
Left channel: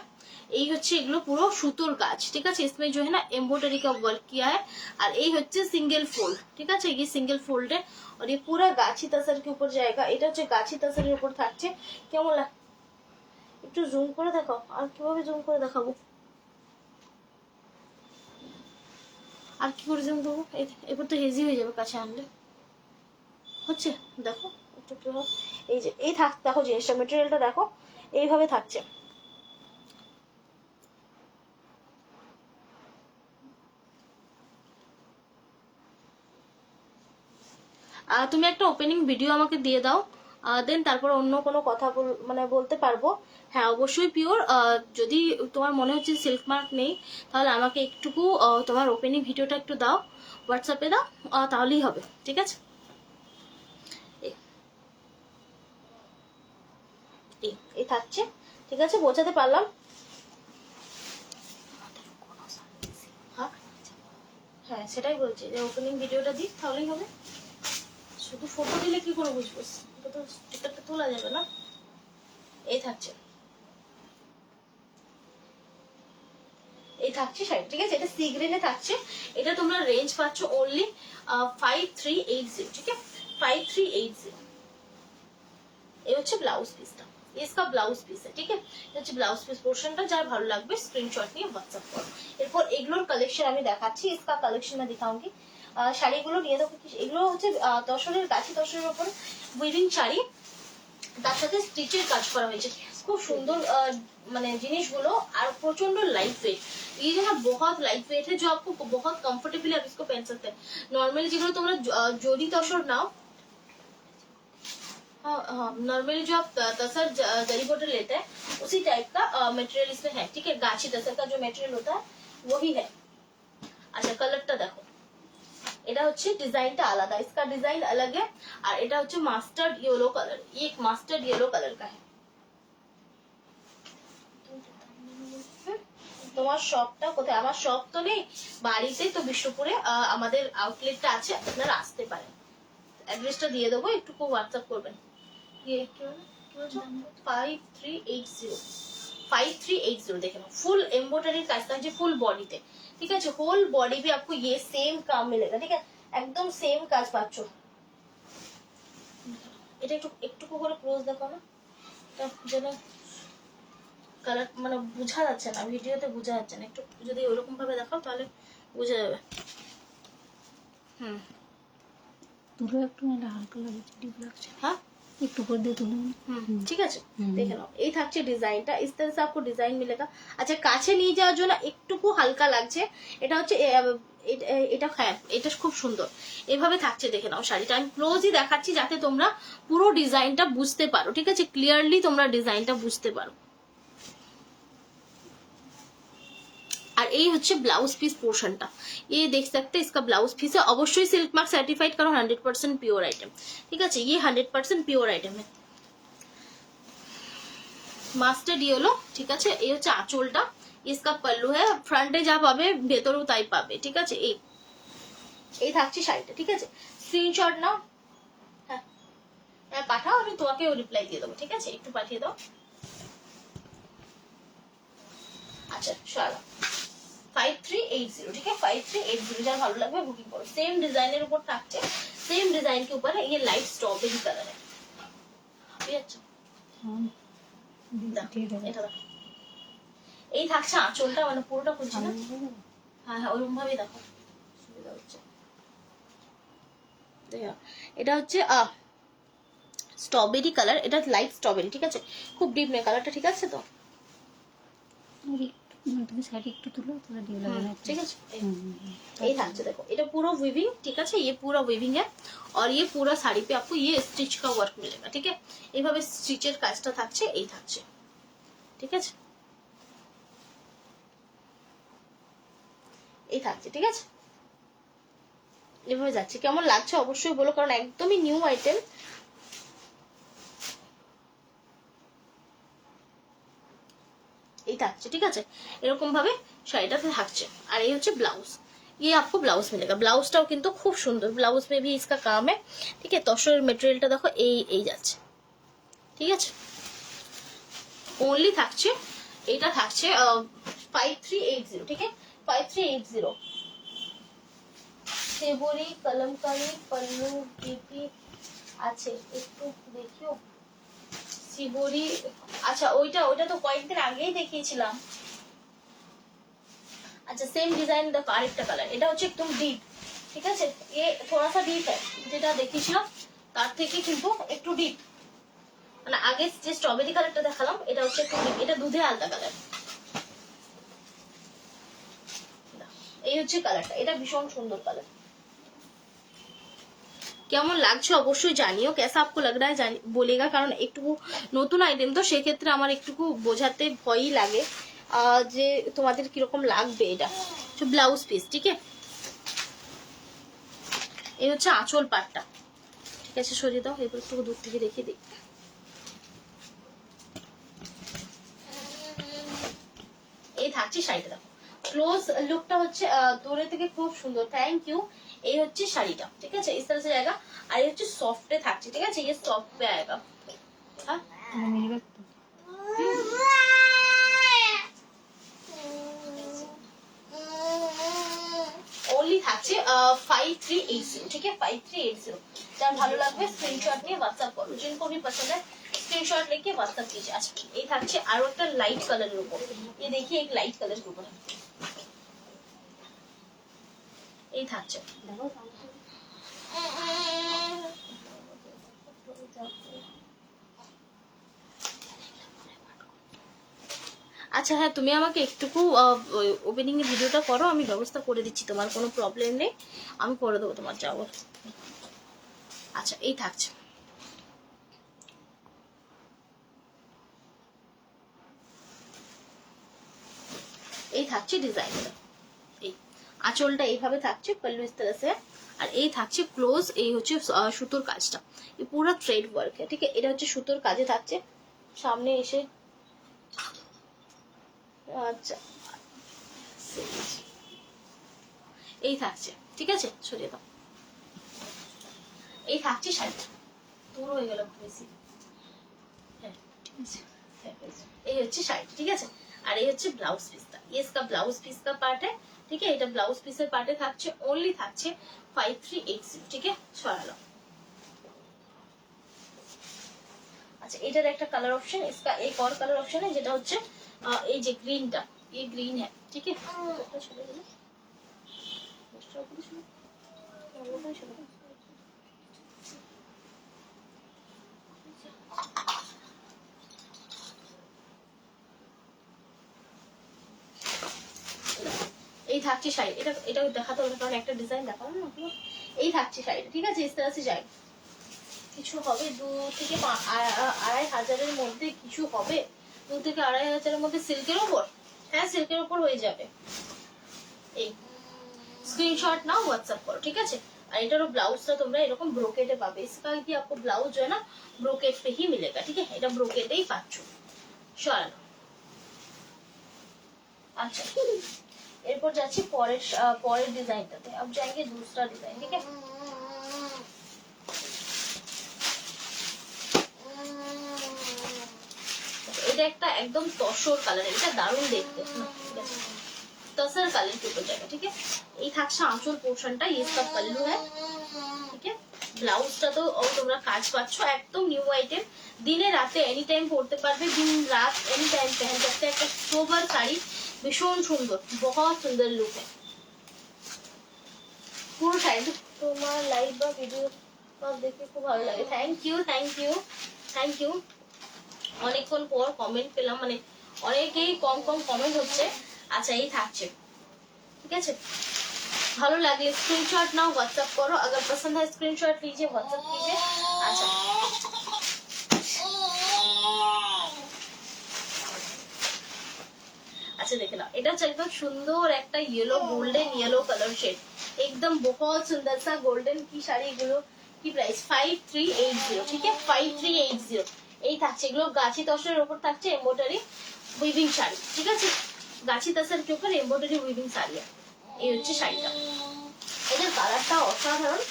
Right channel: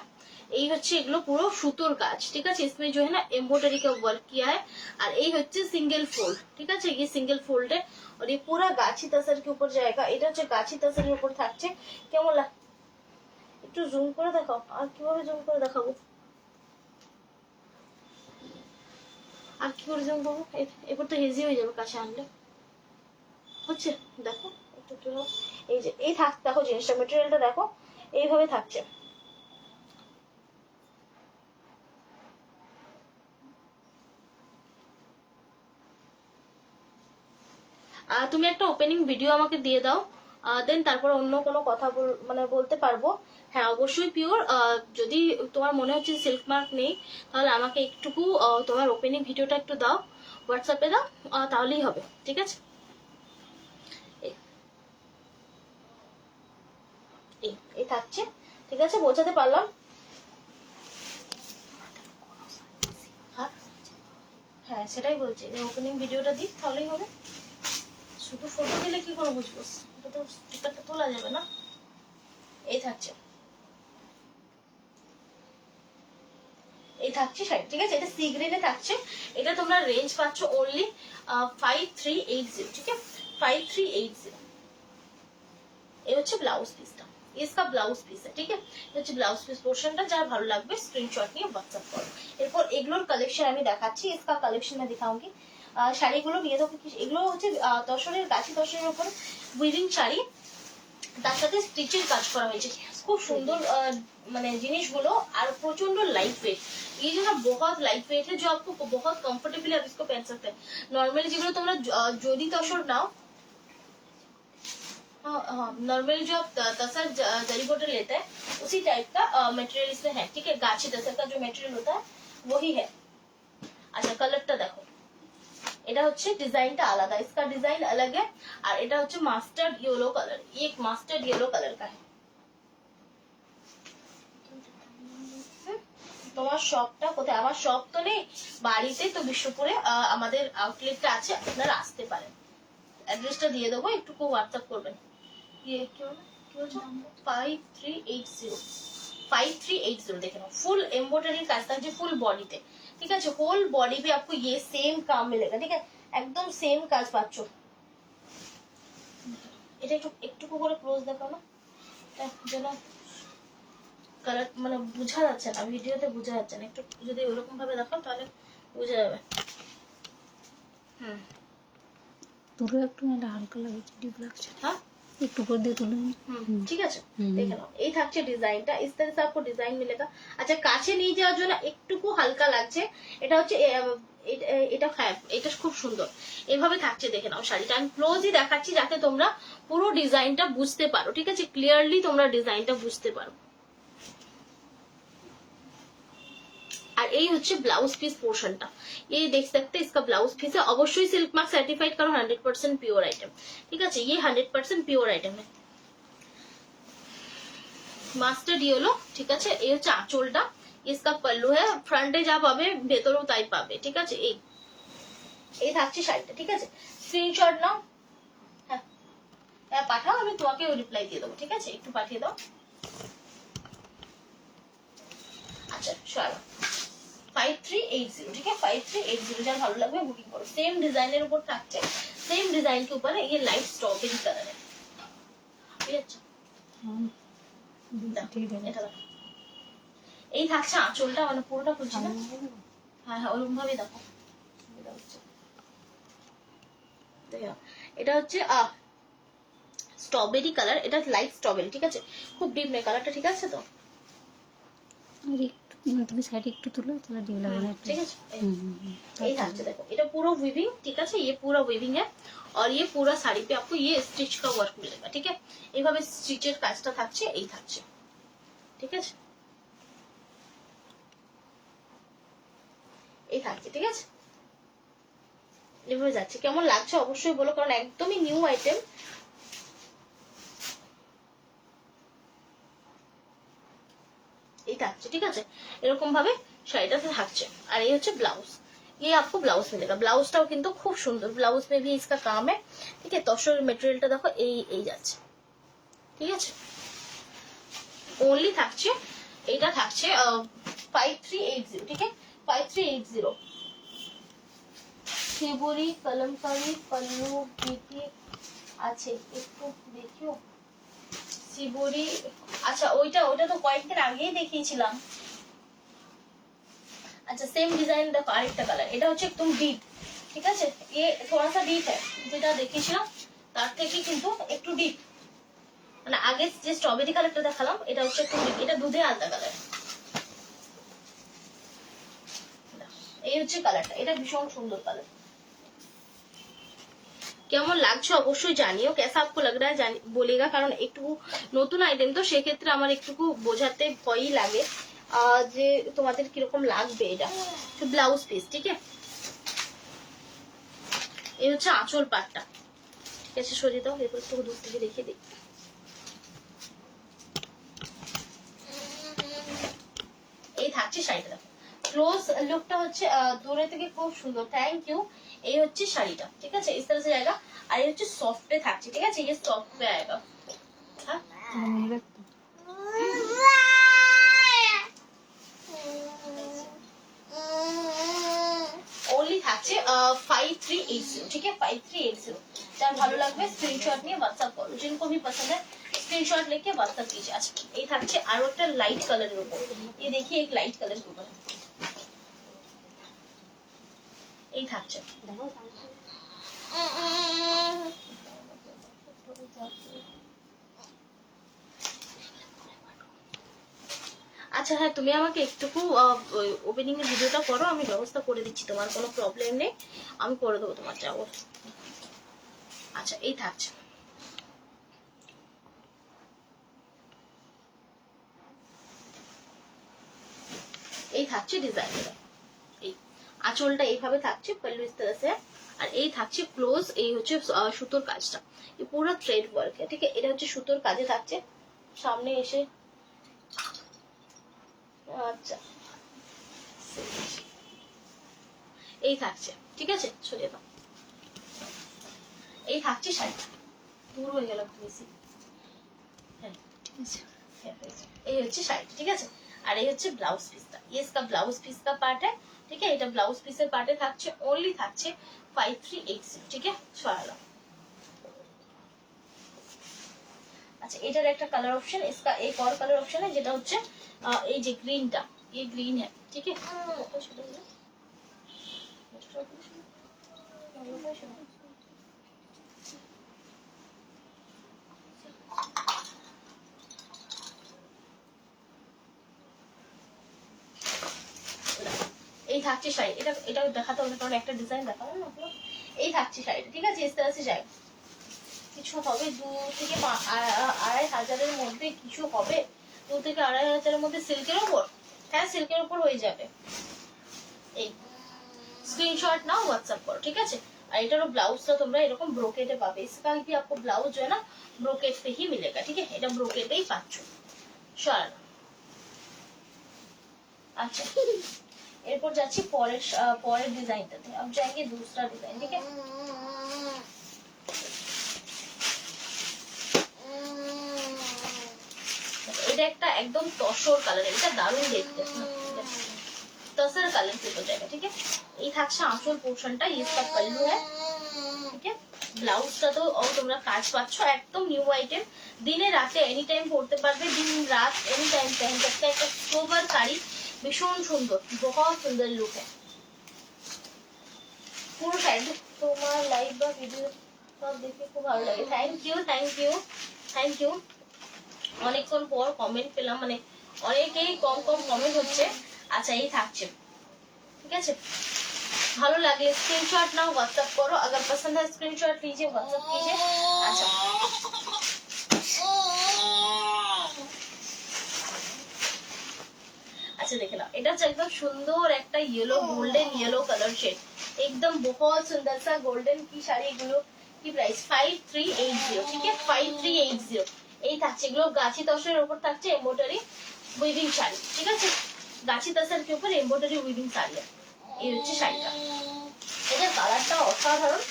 এই হচ্ছে এগুলো পুরো সুতোর কাজ। ঠিক আছে, इसमें जो है ना एम्ब्रॉयडरी का वर्क किया है, और এই হচ্ছে সিঙ্গেল ফোল্ড। ঠিক আছে, ये सिंगल फोल्ड है और ये पूरा गाछी तसर के ऊपर जाएगा। এটা হচ্ছে গাছি তসরের উপর থাকছে। কেমন লাগে একটু জুম করে দেখাও, আর কিভাবে জুম করে দেখাবো, আর কি করে জুম করবো, এবার তো হেজি হয়ে যাবে কাছে আনলে, হচ্ছে দেখো একটু কিভাবে, এই যে এই থাক, দেখো জিনিসটা মেটেরিয়ালটা দেখো এইভাবে থাকছে। তুমি একটা ওপেনিং ভিডিও আমাকে দিয়ে দাও, দেন তারপর অন্য কোনো কথা মানে বলতে পারবো। হ্যাঁ অবশ্যই পিওর, যদি তোমার মনে হচ্ছে সিল্ক মার্ক নেই তাহলে আমাকে একটুকু তোমার ওপেনিং ভিডিওটা একটু দাও, হোয়াটসঅ্যাপে দাও, তাহলেই হবে। ঠিক আছে, এই থাকছে। ঠিক আছে, বোঝাতে পারলাম? হ্যাঁ সেটাই বলছি, যে ওপেনিং ভিডিওটা দিই তাহলেই হবে, শুধু ফটো দিলে কি করে বুঝবো, এটা তো চিত্রটা তোলা যাবে না। এই থাকছে, এই থাকছে শাড়ি। ঠিক আছে, এটা সি গ্রিনে থাকছে, এটা তোমরা রেঞ্জ পাচ্ছ অনলি 5380। ঠিক আছে, 5380। এই হচ্ছে ব্লাউজ পিসটা, इसका ব্লাউজ পিস है। ठीक है, হচ্ছে ব্লাউজ পিস পোর্শনটা, যার ভালো লাগবে স্ক্রিনশট নিয়ে হোয়াটসঅ্যাপ করো। এরপর এগুলোর কালেকশন আমি দেখাচ্ছি, इसका কালেকশন मैं दिखाऊंगी। শাড়িগুলো নিয়ে দেখো, এগুলো হচ্ছে তসরের গাছি তসরের উপরে উইভিং শাড়ি, তার সাথে স্টিচের কাজ করা হয়েছে, খুব সুন্দর মানে জিনিসগুলো, আর প্রচন্ড লাইট वेट। ये जो है बहुत लाइट वेट है, जो आपको बहुत कंफर्टेबल आप इसको पहन सकते हैं। नॉर्मली যেগুলো তোমরা জরি তসর নাও, हाँ नॉर्मली जो आप तसर जरी बॉटल लेते हैं उसी टाइप का मटेरियल इसमें है। ठीक है, गाछी तसर का जो मटेरियल होता है वही है। अच्छा कलरটা দেখো, এটা হচ্ছে ডিজাইনটা আলাদা, इसका डिजाइन अलग है, আর এটা হচ্ছে মাস্টার্ড येलो कलर, ये एक मास्टर्ड येलो कलर का है। তোমার শপটা কোথায়? আমার শপ তো নেই বাড়িতে, তো বিশ্বপুরে আমাদের আউটলেটটা আছে, আপনারা আসতে পারেন। অ্যাড্রেসটা দিয়ে দেবো, একটু হোয়াটসঅ্যাপ করবেন। ये क्या है 5380 देखे ना, फुल एम्ब्रॉयडरी काज থাকছে ফুল বডিতে। ঠিক আছে, হোল বডি भी आपको ये सेम काम मिलेगा। ठीक है, একদম সেম কাজ পাচ্ছ। এটা একটু একটু করে ক্লোজ দেখাও না, যেন কালার মানে বোঝা যাচ্ছে না, ভিডিওতে বোঝা যাচ্ছে না, একটু যদি ওইরকম ভাবে দেখাও তাহলে বোঝা যাবে। পুরো একটু না হালকা লাগছে, ডিপ লাগছে। হ্যাঁ একটু করে দিয়ে তুলে ঠিক আছে, দেখে নাও। এই থাকছে ডিজাইনটা, इस तरह से आपको डिजाइन मिलेगा। আচ্ছা কাছে নিয়ে যাওয়ার জন্য একটুকু হালকা লাগছে, এটা হচ্ছে এটা হ্যাঁ এটা খুব সুন্দর এভাবে থাকছে। দেখে নাও শাড়িটা, আমি ক্লোজই দেখাচ্ছি যাতে তোমরা পুরো ডিজাইনটা বুঝতে পারো। ঠিক আছে, ক্লিয়ারলি তোমরা ডিজাইনটা বুঝতে পারো। আর এই হচ্ছে ব্লাউজ পিস পোর্শনটা, ये देख सकते हैं इसका ब्लाउज पीस है, অবশ্যই সিল্ক মার্ক সার্টিফাইড কারণ 100% পিওর আইটেম, ঠিক আছে, ये 100% পিওর আইটেম है। মাস্টার্ড ইয়েলো, ঠিক আছে, এই হচ্ছে আঁচলটা, इसका पल्लू है, ফ্রন্টে যা পাবে ভেতরেও তাই পাবে, ঠিক আছে। এই থাকছে শাড়িটা, ঠিক আছে, স্ক্রিনশট নাও, হ্যাঁ হ্যাঁ পাঠাও, আমি তোমাকে রিপ্লাই দিয়ে দেবো, ঠিক আছে, একটু পাঠিয়ে দাও। আচ্ছা চলো 5380, ठीक है 5380, যার ভালো লাগবে বুকিং করো। सेम डिजाइनर ऊपर থাকছে, सेम डिजाइन के ऊपर ये लाइट स्ट्रॉबेरी कलर है, ঠিক আছে। এটা দেখো, এই থাকছে আঁচলটা, মানে পুরোটা খুলছি না, হ্যাঁ হ্যাঁ ওরকম ভাবে দেখো, সুবিধা হচ্ছে। এটা হচ্ছে স্ট্রবেরি কালার, এটা লাইট স্ট্রবেরি, ঠিক আছে, খুব ডিপ নেই কালারটা, ঠিক আছে তো। তুমি সাইড একটু তুলো তাহলে ডিপ লাগবে না, ঠিক আছে। এই থাকছে দেখো, এটা পুরো উইভিং, ঠিক আছে, ये पूरा উইভিং है और ये पूरा साड़ी पे आपको ये स्टिच का वर्क मिलेगा, ठीक है, এইভাবে স্টিচের কাজটা থাকছে, এই থাকছে, ঠিক আছে, এই থাকছে, ঠিক আছে, এভাবে যাচ্ছে। কেমন লাগছে অবশ্যই বলো, কারণ একদমই নিউ আইটেম। এই থাকছে, ঠিক আছে, এরকম ভাবে শাড়িটাতে থাকছে। আর এই হচ্ছে ব্লাউজ, ये आपको ब्लाउज मिलेगा, ব্লাউজটাও কিন্তু খুব সুন্দর, ব্লাউজ में भी इसका काम है, ঠিক আছে। তসর মেটেরিয়ালটা দেখো, এই যাচ্ছে, ঠিক আছে, ওনলি থাকছে, এটা থাকছে 5380, ঠিক আছে 5380। সেবরি কলমকারি পল্লু বিপি আছে, একটু দেখিও শিবরি। আচ্ছা ওইটা তো কয়েকদিন আগেই দেখিয়েছিলাম। আচ্ছা সেম ডিজাইন দেখো, আরেকটা কালার, এটা হচ্ছে একদম ডিপ, ঠিক আছে, ये थोड़ा सा ডিপ है, যেটা দেখিয়েছিলাম তার থেকে কিন্তু একটু ডিপ, মানে আগে যে স্ট্রবেরি কালারটা দেখালাম এটা হচ্ছে একটু ডিপ, এটা দুধে আলতা কালার। এই হচ্ছে কালারটা, এটা ভীষণ সুন্দর কালার। কেমন লাগছে অবশ্যই জানিও, कैसा आपको लग रहा है বলেগা, কারণ একটু নতুন আইটেম তো সেক্ষেত্রে আমার একটু বোঝাতে ভয়ই লাগে যে তোমাদের কিরকম লাগবে। এটা ব্লাউজ পিস, ঠিক আছে, এই হচ্ছে আঁচল পাটটা, ঠিক আছে, সরিয়ে দাও, এরপর একটু দূর থেকে দেখে দিই। এই থাকছে শাড়িটা দেখো, ক্লোজ লুকটা হচ্ছে দূরে থেকে খুব সুন্দর, থ্যাংক ইউ। এই হচ্ছে শাড়িটা, ঠিক আছে, इस तरह से जाएगा, আর এই হচ্ছে সফটে থাকছে, ঠিক আছে, ये सॉफ्ट पे आएगा, हाँ ओनली থাকছে 5380, ठीक है 5380। যার ভালো লাগবে স্ক্রিনশট নিয়ে হোয়াটসঅ্যাপ করো, जिनको भी पसंद है स्क्रीनशॉट लेके व्हाट्सएप कीजिए। अच्छा এই থাকছে আরো একটা লাইট কালারের উপর, ये देखिए एक लाइट कलर के ऊपर এই থাকছে। আচ্ছা হ্যাঁ, তুমি আমাকে একটুকু ওপেনিং এর ভিডিওটা করো, আমি ব্যবস্থা করে দিচ্ছি, তোমার কোনো প্রবলেম নেই, আমি করে দেবো তোমার যাবো। আচ্ছা এই থাকছে, এই থাকছে ডিজাইনটা, এই আঁচলটা এইভাবে থাকছে, পল্লু इस तरह से, আর এই থাকছে ক্লোজ, এই হচ্ছে সুতোর কাজটা, এই পুরো থ্রেড ওয়ার্ক, ঠিক আছে, এটা হচ্ছে সুতোর কাজে থাকছে, সামনে এসে আচ্ছা এই থাকছে, ঠিক আছে, সরিয়ে দাও। এই থাকছে শাড়িটা, দূর হয়ে গেল বেশি, হ্যাঁ ঠিক আছে, এই হচ্ছে শাড়িটা, ঠিক আছে, আর এই হচ্ছে ব্লাউজ পিসটা, ये इसका ब्लाउज पीस का पार्ट है, ठीक है, এটা ব্লাউজ পিসের পার্টে থাকছে, ओनली থাকছে 5380, ঠিক আছে, সরালো। अच्छा এটার একটা কালার অপশন, इसका एक और कलर ऑप्शन है যেটা হচ্ছে এই যে গ্রিনটা, ये ग्रीन है, ठीक है, এই থাকছে শাড়ি, এটা দেখাতে হবে কারণ একটা ডিজাইন দেখাবো না, এই থাকছে শাড়িটা, ঠিক আছে, इस तरह से যায়, কিছু হবে 2 থেকে 2.5 হাজারের মধ্যে, কিছু হবে 2 থেকে 2.5 হাজারের মধ্যে সিল্কের উপর, হ্যাঁ সিল্কের উপর হয়ে যাবে। এই स्क्रीनशॉट नाउ व्हाट्सएप करो, ठीक है। और एटारो ब्लाउजটা তোমরা এরকম ব্রোকেটে পাবে। इसका भी आपको ब्लाउज जो है ना ब्रोकेट पे ही मिलेगा, ठीक है। এটা ব্রোকেটেই পাচ্ছ। চল আচ্ছা এরপর যাচ্ছি পরের ডিজাইনটাতে। अब जाएंगे दूसरा डिजाइन, ठीक है। এটা একটা একদম তসর কালার, এটা দারুণ দেখতে, तसर कलर के ऊपर जाएगा, ठीक है। এই থাকছে আঁচল পোর্শনটা, ये इसका पल्लू है, ठीक है। ব্লাউজটা তো তোমরা কাজ পাচ্ছ একদম নিউ আইটেম, দিনে রাতে এনি টাইম পরতে পারবে, দিন রাত এনি টাইম पहन सकते हैं। একটা সোবার শাড়ি, ভীষণ সুন্দর, बहुत সুন্দর লুক है। পুরো শাড়ি তোমার লাইভ বা ভিডিও সব দেখে খুব ভালো লাগে। Thank you thank you thank you. অনেকক্ষণ পর কমেন্ট পেলাম, মানে অনেকেই কম কমেন্ট হচ্ছে। আচ্ছা এই থাকছে, ঠিক আছে। ভালো লাগলে স্ক্রিনশট নাও, व्हाट्सएप करो। अगर पसंद है स्क्रीनशॉट लीजिए, व्हाट्सएप कीजिए। আচ্ছা আচ্ছা দেখে নাও, এটা হচ্ছে একদম সুন্দর একটা yellow, golden yellow colour shade, একদম बहुत सुंदर सा गोल्डन की শাড়ি। এগুলো কি প্রাইস? 5380, ঠিক আছে 5380। এই থাকছে, এগুলো গাছি তসরের উপর থাকছে এমব্রয়ডারি উইভিং শাড়ি, ঠিক আছে। গাছি তসর के ऊपर एम्ब्रॉयडरी वीविंग শাড়ি। এই হচ্ছে শাড়িটা, এটার কালারটা অসাধারণ,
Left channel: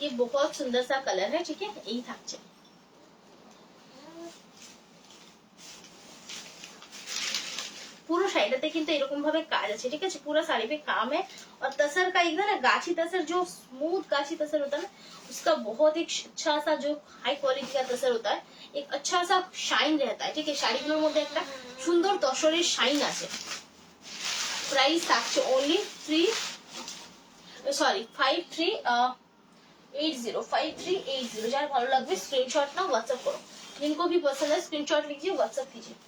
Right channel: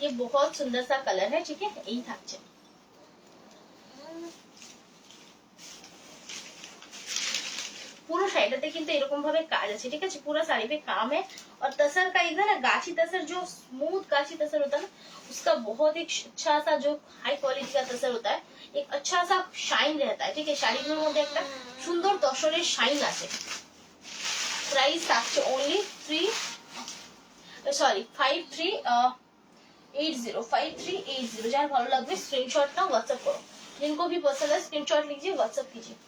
ये बहुत सुंदर सा कलर है, ठीक है। এই থাকছে पूरा শাড়িটাতে কিন্তু এরকম ভাবে কাজ আছে, ঠিক আছে। पूरा साड़ी पे काम है। और तसर का एक ना गाछी तसर, जो स्मूथ गाछी तसर होता है ना, उसका बहुत एक अच्छा सा जो हाई क्वालिटी का तसर होता है, एक अच्छा सा शाइन रहता है, ठीक है। শাড়িগুলোর মধ্যে একটা সুন্দর তসরের শাইন আছে। প্রাইস থাকছে ओनली 5380। যার ভালো লাগবে স্ক্রিনশট নাও, व्हाट्सएप करो। जिनको भी पसंद है स्क्रीनशॉट लीजिए, व्हाट्सएप कीजिए।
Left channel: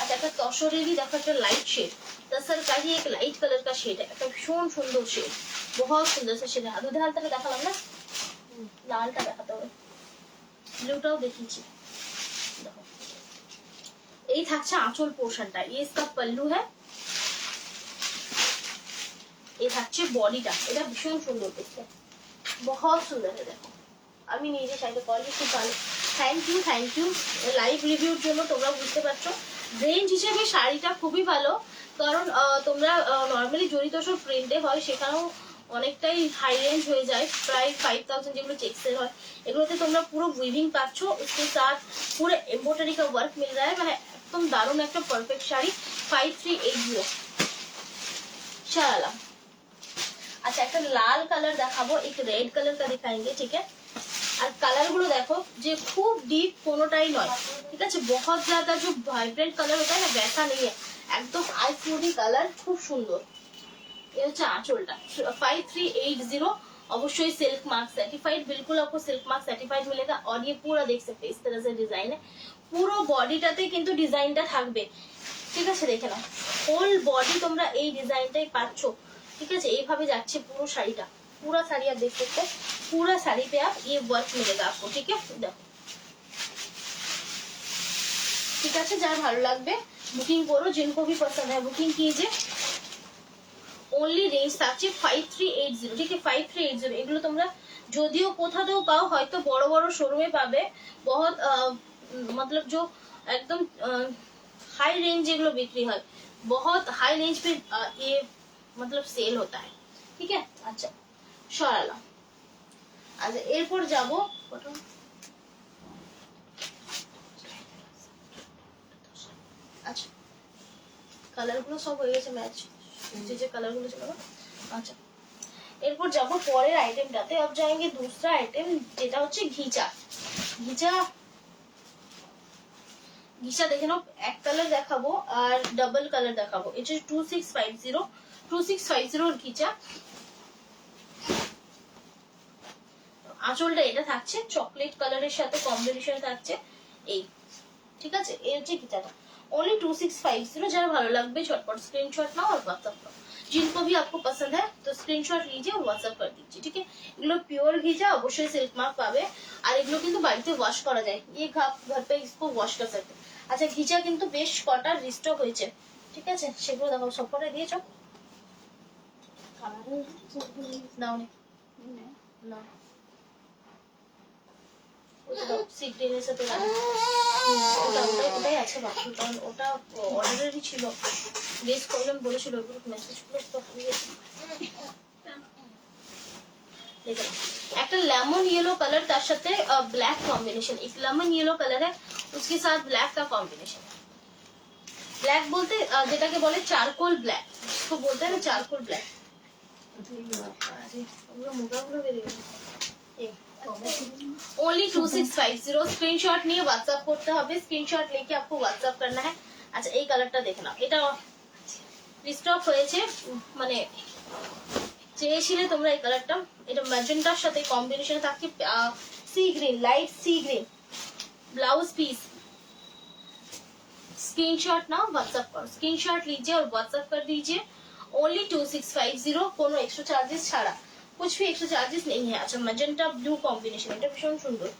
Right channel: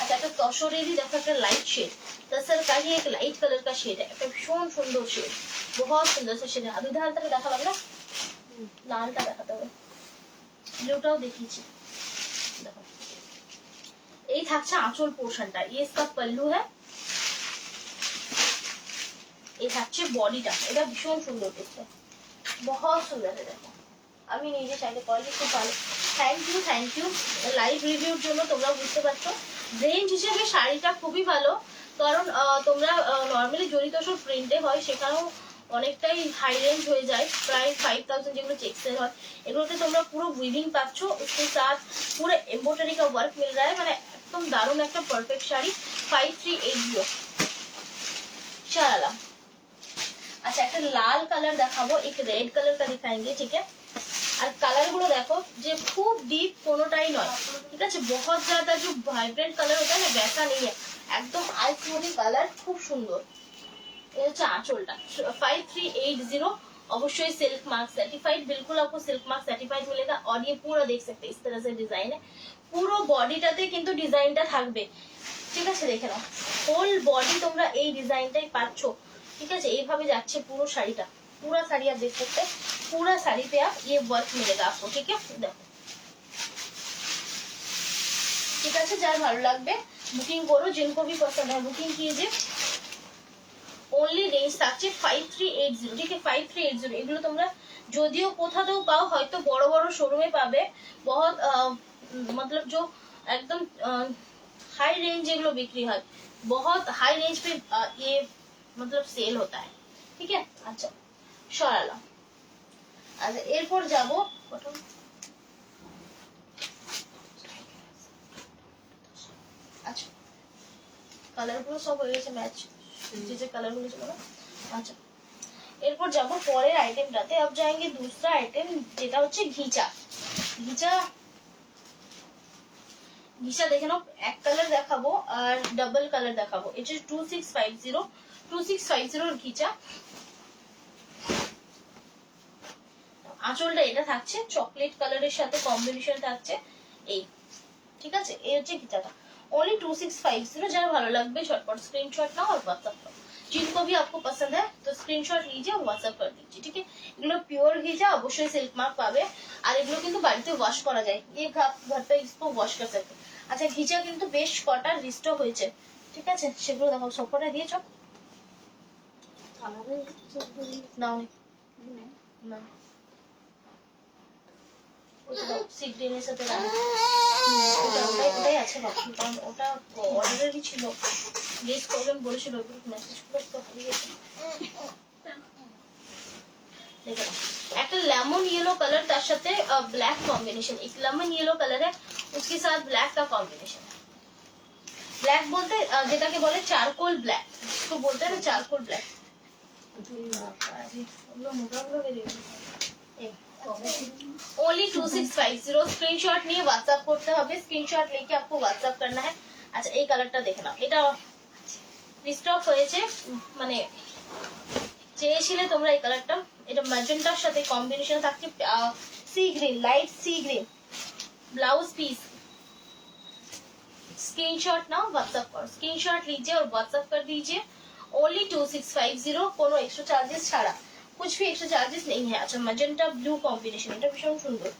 अच्छा একটা তসরেরই দেখো, একটা লাইট শেড, तसर का ही एक लाइट कलर का शेड है, একটা ভীষণ সুন্দর শেড, बहुत सुंदर सा शेड है। দুধে হালটা দেখালাম না, লালটা দেখাতে হবে, ব্লুটাও দেখিয়েছি। দেখো এই থাকছে আঁচল পোর্শনটা, ये इसका पल्लू है। এই থাকছে বডিটা, এটা ভীষণ সুন্দর দেখতে, बहुत সুন্দর। দেখো আমি নিজে চাইতে কোয়ালিটি খুব ভালো। থ্যাংক ইউ লাইভ রিভিউর জন্য। তোমরা বুঝতে পারছো রেঞ্জ হিসেবে শাড়িটা খুবই ভালো, কারণ তোমরা নর্মালি জড়ি তসর প্রিন্টে হয়, সেখানেও অনেকটাই হাই রেঞ্জ হয়ে যায়, প্রায় 5000 যেগুলো চেক্সের হয়। এগুলোতে তোমরা পুরো উইভিং পাচ্ছ, उसके साथ पूरे एम्ब्रॉयडरी का वर्क मिल रहा है, মানে একদম দারুণ একটা পারফেক্ট শাড়ি। 5380 শালা। আচ্ছা একটা লাল কালার দেখাবো, एक रेड कलर का दिखाएंगे, ठीक है। আর কালার গুলো দেখো যে খুব ডিপ কোনোটাই নয়, ঠিক আছে। बहुत ज्यादा जो वाइब्रेंट कलर होता है ना, वैसा नहीं है, एकदम आईफ्लूरी कलर, খুব সুন্দর। ये হচ্ছে আঁচলটা। 5380 অবশ্যই सिल्क मार्क सर्टिफाइड, बिल्कुल आपको सिल्क मार्क सर्टिफाइड मिलेगा। और ये पूरा देख सकते हैं इस तरह से डिजाइन है, পুরো বডিটাতে কিন্তু ডিজাইনটা থাকবে, ঠিক আছে। দেখে নাও হোল বডি তোমরা এই ডিজাইনটাই পাচ্ছ, ঠিক আছে। এইভাবে যাচ্ছে পুরো শাড়িটা, पूरा साड़ी आप देख सकते हैं, पूरा साड़ी पे आप ये वर्क मिलेगा आपको, ठीक है। देखो ঠিক আছে, যার ভালো লাগবে বুকিং করো, जिनको भी पसंद है बुकिंग कीजिए। ओनली रेंज থাকছে 5380, ঠিক আছে 5380। এগুলো তোমরা যদিও কোথাও পাও, হয়তো বড় বড় শোরুমে পাবে, बहुत मतलब जो एकदम हाई रेंज যেগুলো বিক্রি হয়, बहुत हाई रेंज पे ये मतलब सेल होता है, ठीक है। अच्छा সরালাম। আচ্ছা এরপর যাবো, আচ্ছা কালার গুলো সব হয়ে গেছে ম্যাচ, যে কালার গুলো ছিল না। আচ্ছা এরপর যাবো পরের আইটেমটাতে। अब जाएंगे दूसरा आइटम, যেটা হচ্ছে ঘিচা। ঘিচা দেখে নাও, এক কালার দেখাবো আর ডাবল কালার দেখাবো। এটা 2650 ঘিচা। আঁচলটা এটা থাকছে চকলেট কালারের সাথে কম্বিনেশন থাকছে, এই ঠিক আছে। এই হচ্ছে ঘিচাটা, ओनली 2650। যারা ভালো লাগবে झटपट स्क्रीनशॉट नाओ और व्हाट्सएप करो। जिनको भी आपको पसंद है तो स्क्रीनशॉट लीजिए और व्हाट्सएप कर दीजिए, ठीक है। এগুলো পিওর ঘিচা, অবশ্যই সিল্ক মার্ক পাবে। আর এগুলো কিন্তু বাড়িতে ওয়াশ করা যায়, ये आप घर पे इसको वॉश कर सकते हैं। আচ্ছা ঘিচা কিন্তু বেশ কটা রিস্টক হয়েছে, ঠিক আছে, সেগুলো দেখো সবকটা দিয়েছ নাও না ওটা দাও সি গ্রিনের সাথে রানি। ওটাই আছে বাকি, কারণ ওটা অর্ডারেরই ছিল, প্লেস করবেন বলেছিল, ওগুলো মেসেজ করে তো হারিয়ে গেছে। देखो একটা लेमन येलो कलर তার সাথে ब्लैक कॉम्बिनेशन, एक लेमन येलो कलर है उसके साथ ब्लैक का कॉम्बिनेशन। ब्लैक बोलते যেটাকে বলে চারকোল ব্ল্যাক, তো বলতে हैं চারকোল ব্ল্যাক। ओनली 2650 स्क्रीनशॉट নিয়ে व्हाट्सएप করতে হবে, স্ক্রিনশট लेके आपको व्हाट्सएप करना है। আচ্ছা এই কালারটা দেখে নাও, এটা রিস্টক হয়েছে, মানে চেয়েছিলে তোমরা এই কালারটা, এটা ম্যাজেন্টার সাথে কম্বিনেশন থাকছে सी ग्रीन, लाइट सी ग्रीन ब्लाउज पीस। स्क्रीनशॉट ना व्हाट्सएप करो, स्क्रीनशॉट लीजिए और व्हाट्सएप कर दीजिए। ओनली 2650, কোনো एक्स्ट्रा चार्जेस ছাড়া, कुछ भी एक्स्ट्रा चार्जेस नहीं है। अच्छा मैजेंटा ब्लू कॉम्बिनेशन, এটা ভীষণ সুন্দর।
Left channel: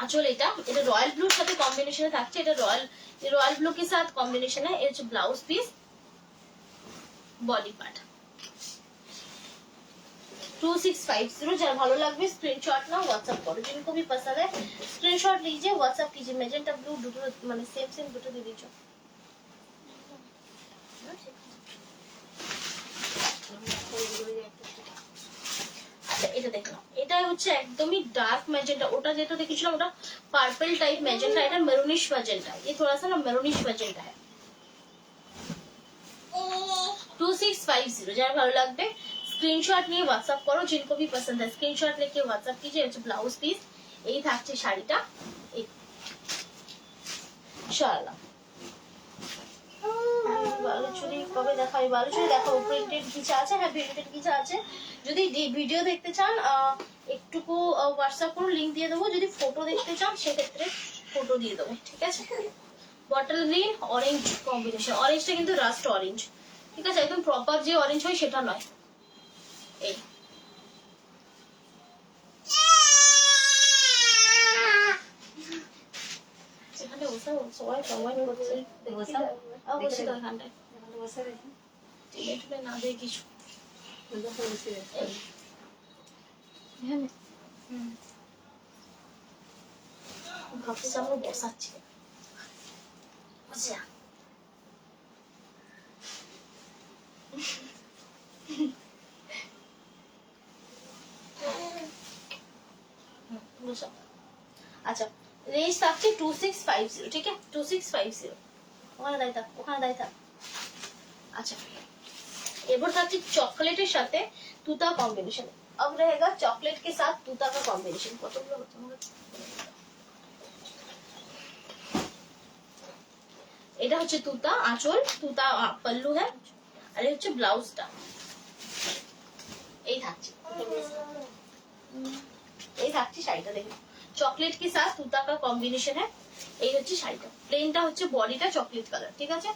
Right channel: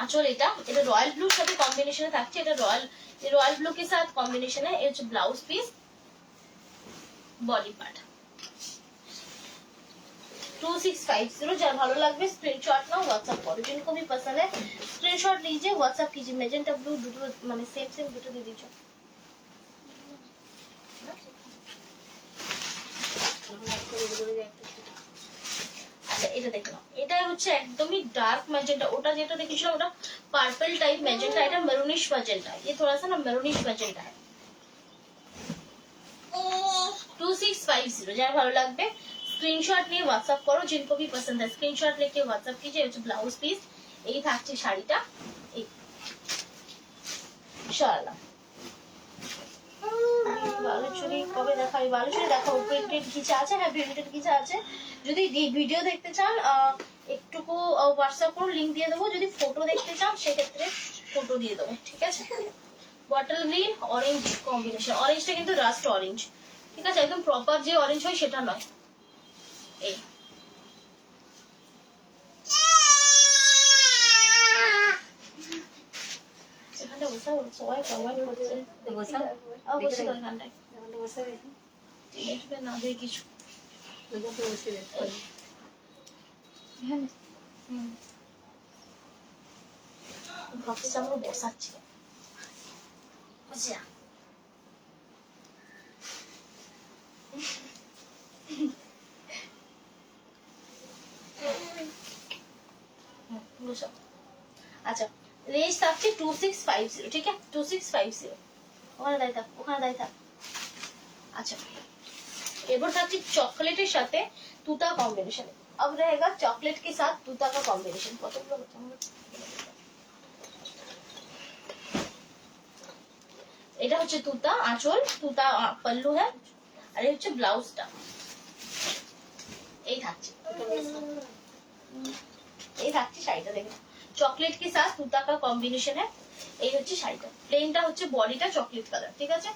आंचल এটা रॉयल ब्लू সাথে কম্বিনেশনে থাকছে, এটা रॉयल ब्लू के साथ कॉम्बिनेशन है। ये ब्लाउज पीस, बॉडी पार्ट 2650, যার ভালো লাগবে স্ক্রিনশট নাও व्हाट्सएप करो, जिनको भी पसंद है स्क्रीनशॉट लीजिए व्हाट्सएप कीजिए। मैजेंटा ब्लू দুটো মানে সেম দুটো দিয়ে দিচ্ছ। আচ্ছা এটা দেখো, এটা হচ্ছে একদমই ডার্ক ম্যাজেন্টা, ওটা যেটা দেখেছিলাম ওটা পার্পল টাইপ ম্যাজেন্টা, এটা মেরুনিশ ম্যাজেন্টা, ये थोड़ा सा ना मेरूनिश मैजेंटा है। 2650, যার ভালো লাগবে স্ক্রিনশট নিয়ে व्हाट्सएप करो, जिनको भी पसंद है स्क्रीनशॉट लेके व्हाट्सएप कीजिए। হচ্ছে ব্লাউজ পিস, এই থাকছে শাড়িটা, এই ইনশাআল্লাহ। বালুচুরি কবে দেখাই, বালুচুরি দেখো প্রিন্টেড কিছু আছে, হ্যাঁ প্রিন্টেড কিছু আছে। যদি ভিডিও দেখতে চান একটুকু হোয়াটসঅ্যাপ করুন, লিংক দিয়ে দেবো। যদি ফটো দেখতে চান সেক্ষেত্রে ফটো দিয়ে দেবো, ঠিক আছে। বটল গ্রিন অরেঞ্জ কম্বিনেশন, অরেঞ্জটা কিন্তু রাস্ট অরেঞ্জ, ঠিক আছে, একদম প্রপার যে অরেঞ্জ হয় সেটা নয়। এই এখানটা বসে সবাই কমেন্ট করছে, বসে তো এখানটায় না দেয় কিছু। ভাবছি আমরা বসাচ্ছি, আচ্ছা আচ্ছা রেঞ্জ থাকছে 2650, ঠিক আছে 2650, ওখানে দাঁড়িয়ে থাক। আচ্ছা এবার থাকছে চকলেটের সাথে তুতা कॉम्बिनेशन, अब रहेगा चॉकलेट के साथ तूता का कॉम्बिनेशन। কতগুলো এটা হচ্ছে তুতা আঁচল, তুতা পল্লু है, আর এই হচ্ছে ব্লাউজটা, এই থাকছে শাড়িটা দেখুন, চকলেট के साथ तूता का कॉम्बिनेशन है। এই হচ্ছে শাড়িটা, প্লেনটা হচ্ছে বডিটা চকলেট কালার, ঠিক আছে।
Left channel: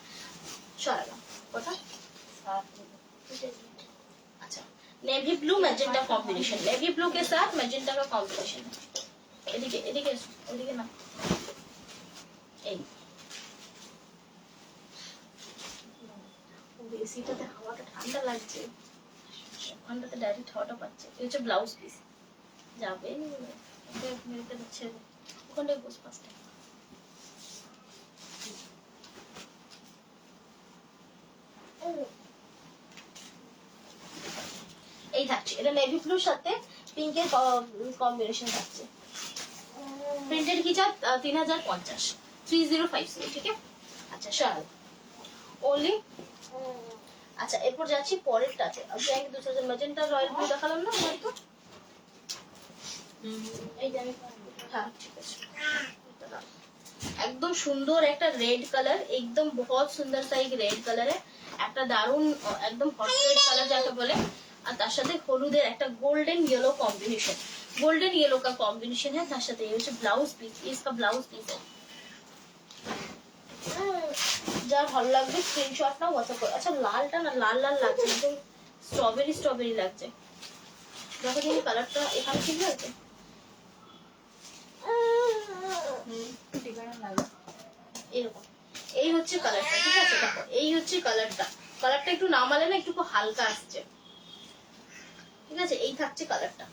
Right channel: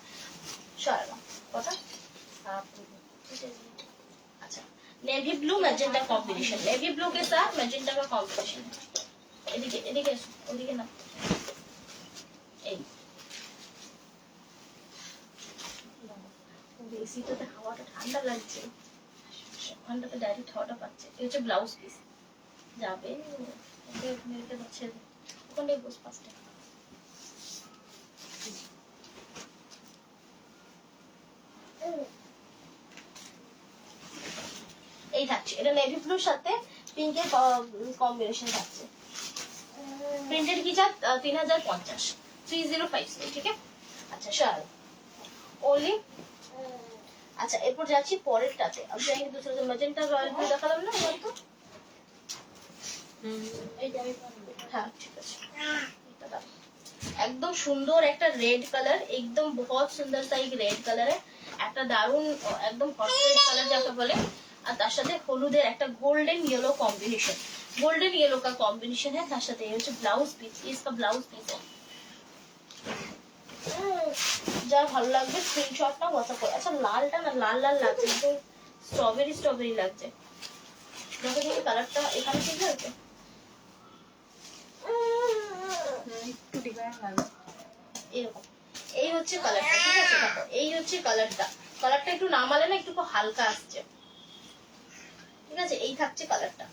শাড়িটা কথা अच्छा navy blue magenta combination, navy blue के साथ मैजेंटा का कॉम्बिनेशन। এদিকে ওদিকে না, এই এসিটাতে হাওয়াটা ঠান্ডা লাগছে, ওখানটাতে ডাইরেক্ট হাওয়াটা পাচ্ছে। এই হচ্ছে ব্লাউজ পিস, যাবে মেরেতে হচ্ছে ওখানটায় বস পাঁচটা। এই থাকছে, এটা নেভি ব্লুর সাথে পিঙ্কের কম্বিনেশন থাকছে। প্রিন্টেড কি চাপ 3050, 3050, ঠিক আছে। আচ্ছা শাল ओनली। আচ্ছা এরপর যাচ্ছি পরেরটাতে, अब जाएंगे दूसरे से मैजेंटा रॉयल ब्लू দেখালাম না আমাকে, হ্যাঁ ঠিক আছে। একদম সুন্দর একটা রেড কালার, একদম बहुत সুন্দর सा एक रेड कलर है, একটা দারুন একদম হট রেড কালার যাকে বলে, আর তার সাথে হলুদের একটা golden yellow combination, golden yellow का कॉम्बिनेशन है। তার সাথে এই হচ্ছে ব্লাউজ পিস, इसका ब्लाउज पीस है। যা ভালো লাগবে স্ক্রিনশট নাও, হোয়াটসঅ্যাপ করো। আচ্ছা লালটা না লাল লাল লাগছে, একদম স্ট্রবেরি স্ট্রবেরি লাগছে। দেখো দেখি কালারটা এখানে ঠিক আছে। এরকম এই হচ্ছে কালারটা, ঠিক আছে? দেখো এই হচ্ছে কালারটা, কালারটা একটু নামালে না একটু হালকা আসছে, ঠিক আছে? এই থাকছে কালারটা,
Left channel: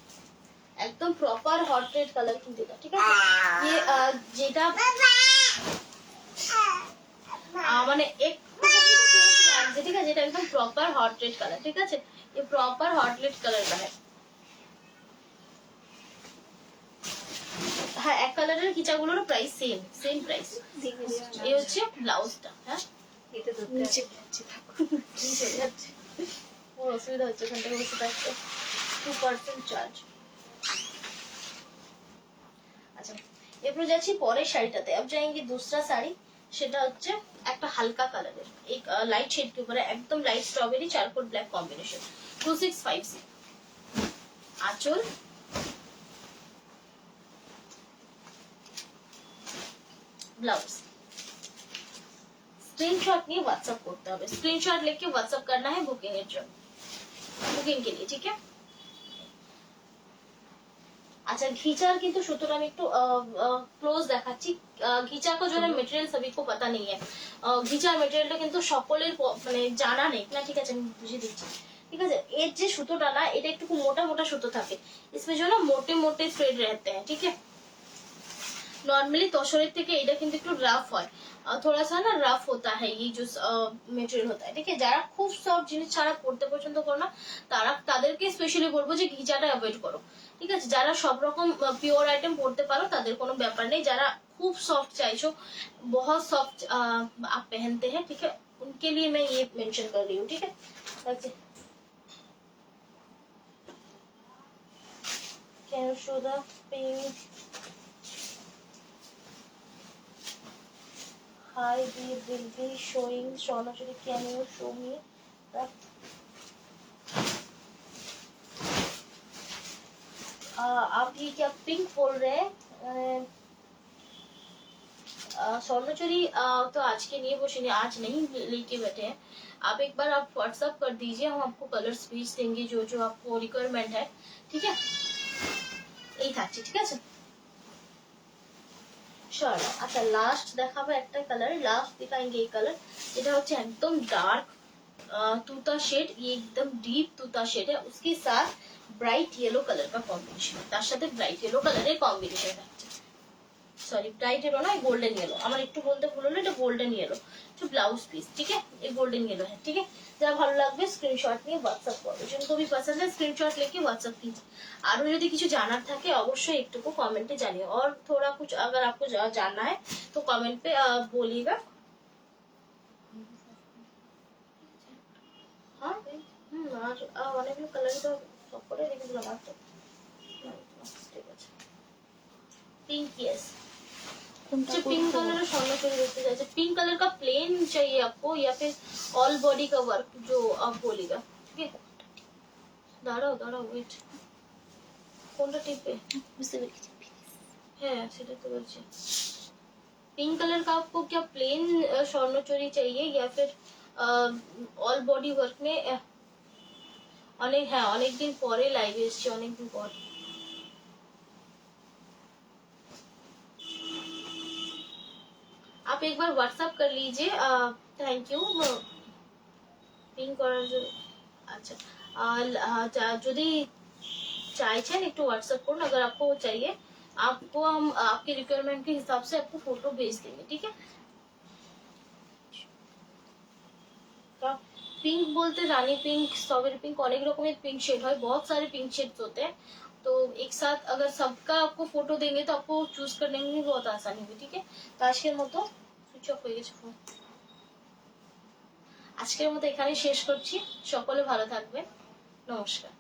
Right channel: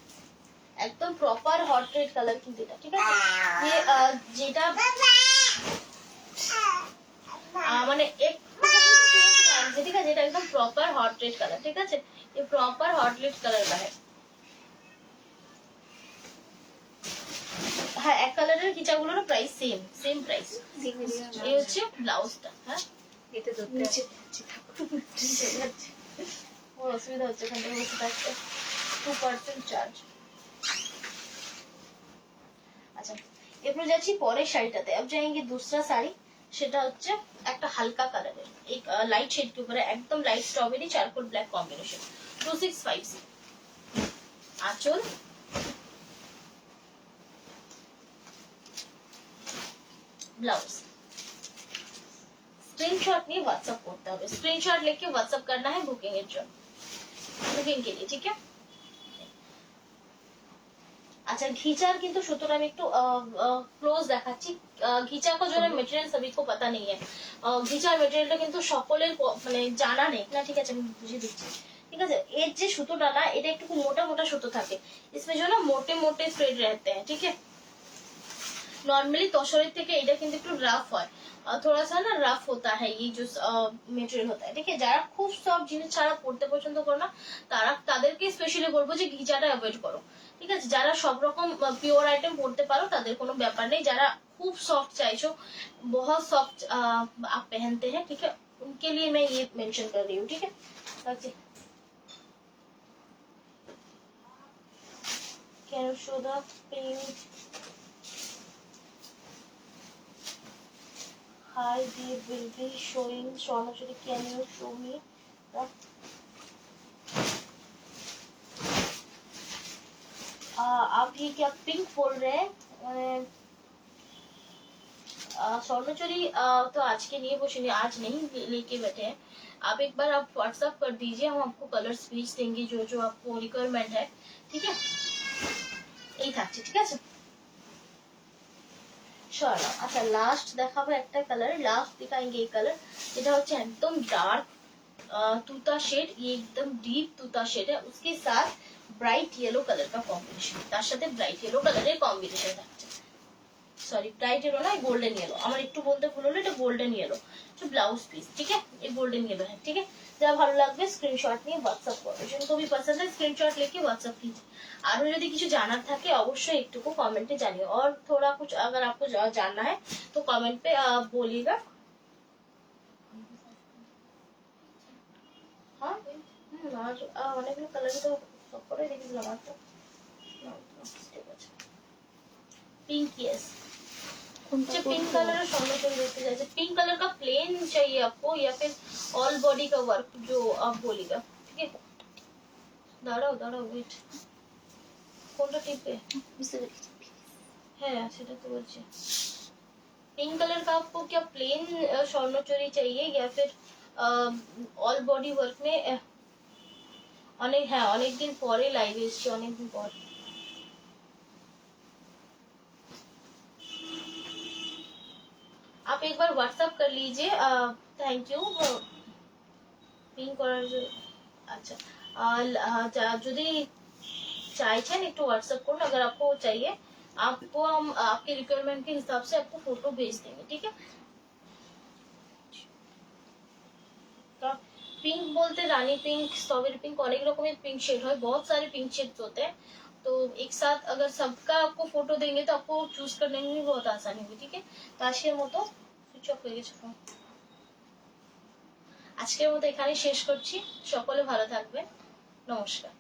একদম প্রপার হট রেড কালার কিন্তু এটা, ঠিক আছে? যেটা মানে একটু লাগছে, ঠিক আছে? এটা একদম প্রপার হট রেড কালার, ঠিক আছে? ये प्रॉपर हॉट रेड कलर का है। হ্যাঁ এক কালারের খিচাগুলোর প্রাইস সেম প্রাইস। এই হচ্ছে ব্লাউজটা। হ্যাঁ এটা তো নিচে যাচ্ছে, ওর অসুবিধা হচ্ছে এখান থেকে বসে থাকতে। 2% চার্জ। अच्छा এরপর যাচ্ছি পরের শাড়িটাতে। अब जाएंगे दूसरा শাড়ি, সেটা হচ্ছে একটা হালকা কালারের, एक लाइट शेड के ऊपर है, एकदम light strawberry charcoal black combination. 2650 आंचल, ब्लाउज। स्क्रीनशॉट নিয়ে व्हाट्सएप করতে হবে, स्क्रीनशॉट लेके व्हाट्सएप करना है बुकिंग এর জন্য, বুকিং के लिए, ठीक है? अच्छा घिचार কিন্তু সুতরাং আমি একটু ক্লোজ দেখাচ্ছি। ঘিচা को जो है मटेरियल सभी को पता नहीं है। ঘিচার মেটেরিয়ালটা কিন্তু সকলের মানে জানা নেই না, ঠিক আছে? আমি বুঝিয়ে দিচ্ছি, ঠিক আছে? এর যে সুতোটা না এটা একটু মোটা মোটা সুতো থাকে, इसमें जो ना मोटे मोटे थ्रेड रहते हैं, ठीक है? नॉर्मली तोशरेर থেকে এটা কিন্তু একটু রাফ হয়, थोड़ा सा ना रफ होता है ये जो মেটেরিয়াল होता है, ठीक है? যারা খুব সফট জিনিস ছাড়া পড়তে পছন্দ করো না তাদেরকে স্পেশালি বলবো যে ঘিচাটা অ্যাভয়েড করো, ঠিক আছে? যারা সব রকম পিওর আইটেম পড়তে পারো তাদের কোনো ব্যাপার নেই, যারা খুব सॉफ्ट চাইছো, बहुत सॉफ्ट आप पहनते हैं, ठीक है? उनके लिए मैं ये मेंशन कर रही हूँ, ठीक है? अच्छा can you show the pink? Hi, we will be showing Sonajuri. Can you show me the आप ये क्या पिंक बोल रहे हैं? सोनचुरी तो आज के लिए वो सुनिए, आज नहीं लेके बैठे हैं। आप एक बार आप व्हाट्सएप कर दीजिए, हम आपको कलर्स भेज देंगे जो जो आपको रिक्वायरमेंट है, ठीक है? यही था, ठीक है? চলো আচ্ছা লাস্ট দেখাবো একটা কালার, লাস্ট दिखाएंगे ये कलर। এটা হচ্ছে একদম ডার্ক तूता शेड, ये एकदम डीप तूता शेड है, उसके साथ ब्राइट येलो कलर का कॉम्बिनेशन, তার সাথে ব্রাইট येलो কালারের কম্বিনেশন থাকছে। সরি ব্রাইট येलो ना, गोल्डन येलो, আমার একটু বলতে ভুল হলো, এটা গোল্ডেন येलो। तो ब्लाउज पीस, ठीक है? ये गोल्डन येलो है, ठीक है? যা ভালো লাগবে স্ক্রিনশট নিয়ে হোয়াটসঅ্যাপ করবে, जिनको भी पसंद है स्क्रीनशॉट लेके व्हाट्सएप कीजिए। আরো যদি কিছু জানার থাকে অবশ্যই একটুকু কমেন্টে জানিও, और थोड़ा कुछ अगर आपको जानना है तो कमेंट पे बोलिएगा। हाँ আর অনেকগুলো কালারই তো সব করে রেখেছিলাম, একটা ঠিক আছে पिंक, यस मुझे पिंक कलर सामने से देखते जाए, पिंक कलर का प्लेन चाहिए आपको या फिर ऑल बॉडी का वर्क जो आप बोलेगा, ठीक है? दाঁড়াও দাঁড়াও वेट, কোনটা টিপে হ্যাঁ সেটা তো বলছি। पिंक कलर का आपको क्या प्लेन स्वर्णचोरी चाहिए या फिर ऑल बॉडी वर्क में? অনেক হ্যাঁ অনেকদিন পরে লাইভে এসেছি, অনেকদিন পর। आप एक बार व्हाट्सएप कर लीजिए, थैंक यू पिन করার জন্য। अच्छा যদি চাইছেন একটু व्हाट्सएप করুন, अगर आपको चाहिए आपको हम आपके रिक्वायरमेंट के हिसाब से आपको फोटो भेज देंगे, ठीक है? पिंक बोलते रानी पिंक, स्ट्रॉबेरी पिंक, অনেক রকমের पिंक शेड है, बहुत सारे पिंक शेड्स होते हैं, तो एक साथ अगर सबका आपको फोटो देंगे तो आपको चूज करने में बहुत आसानी होगी, ठीक है? तो আজকের মতো সুইচ অফ হয়ে গেছে ফোন, আজকের মতো এখানেই শেষ করছি। সকলে ভালো থাকবেন, নমস্কার।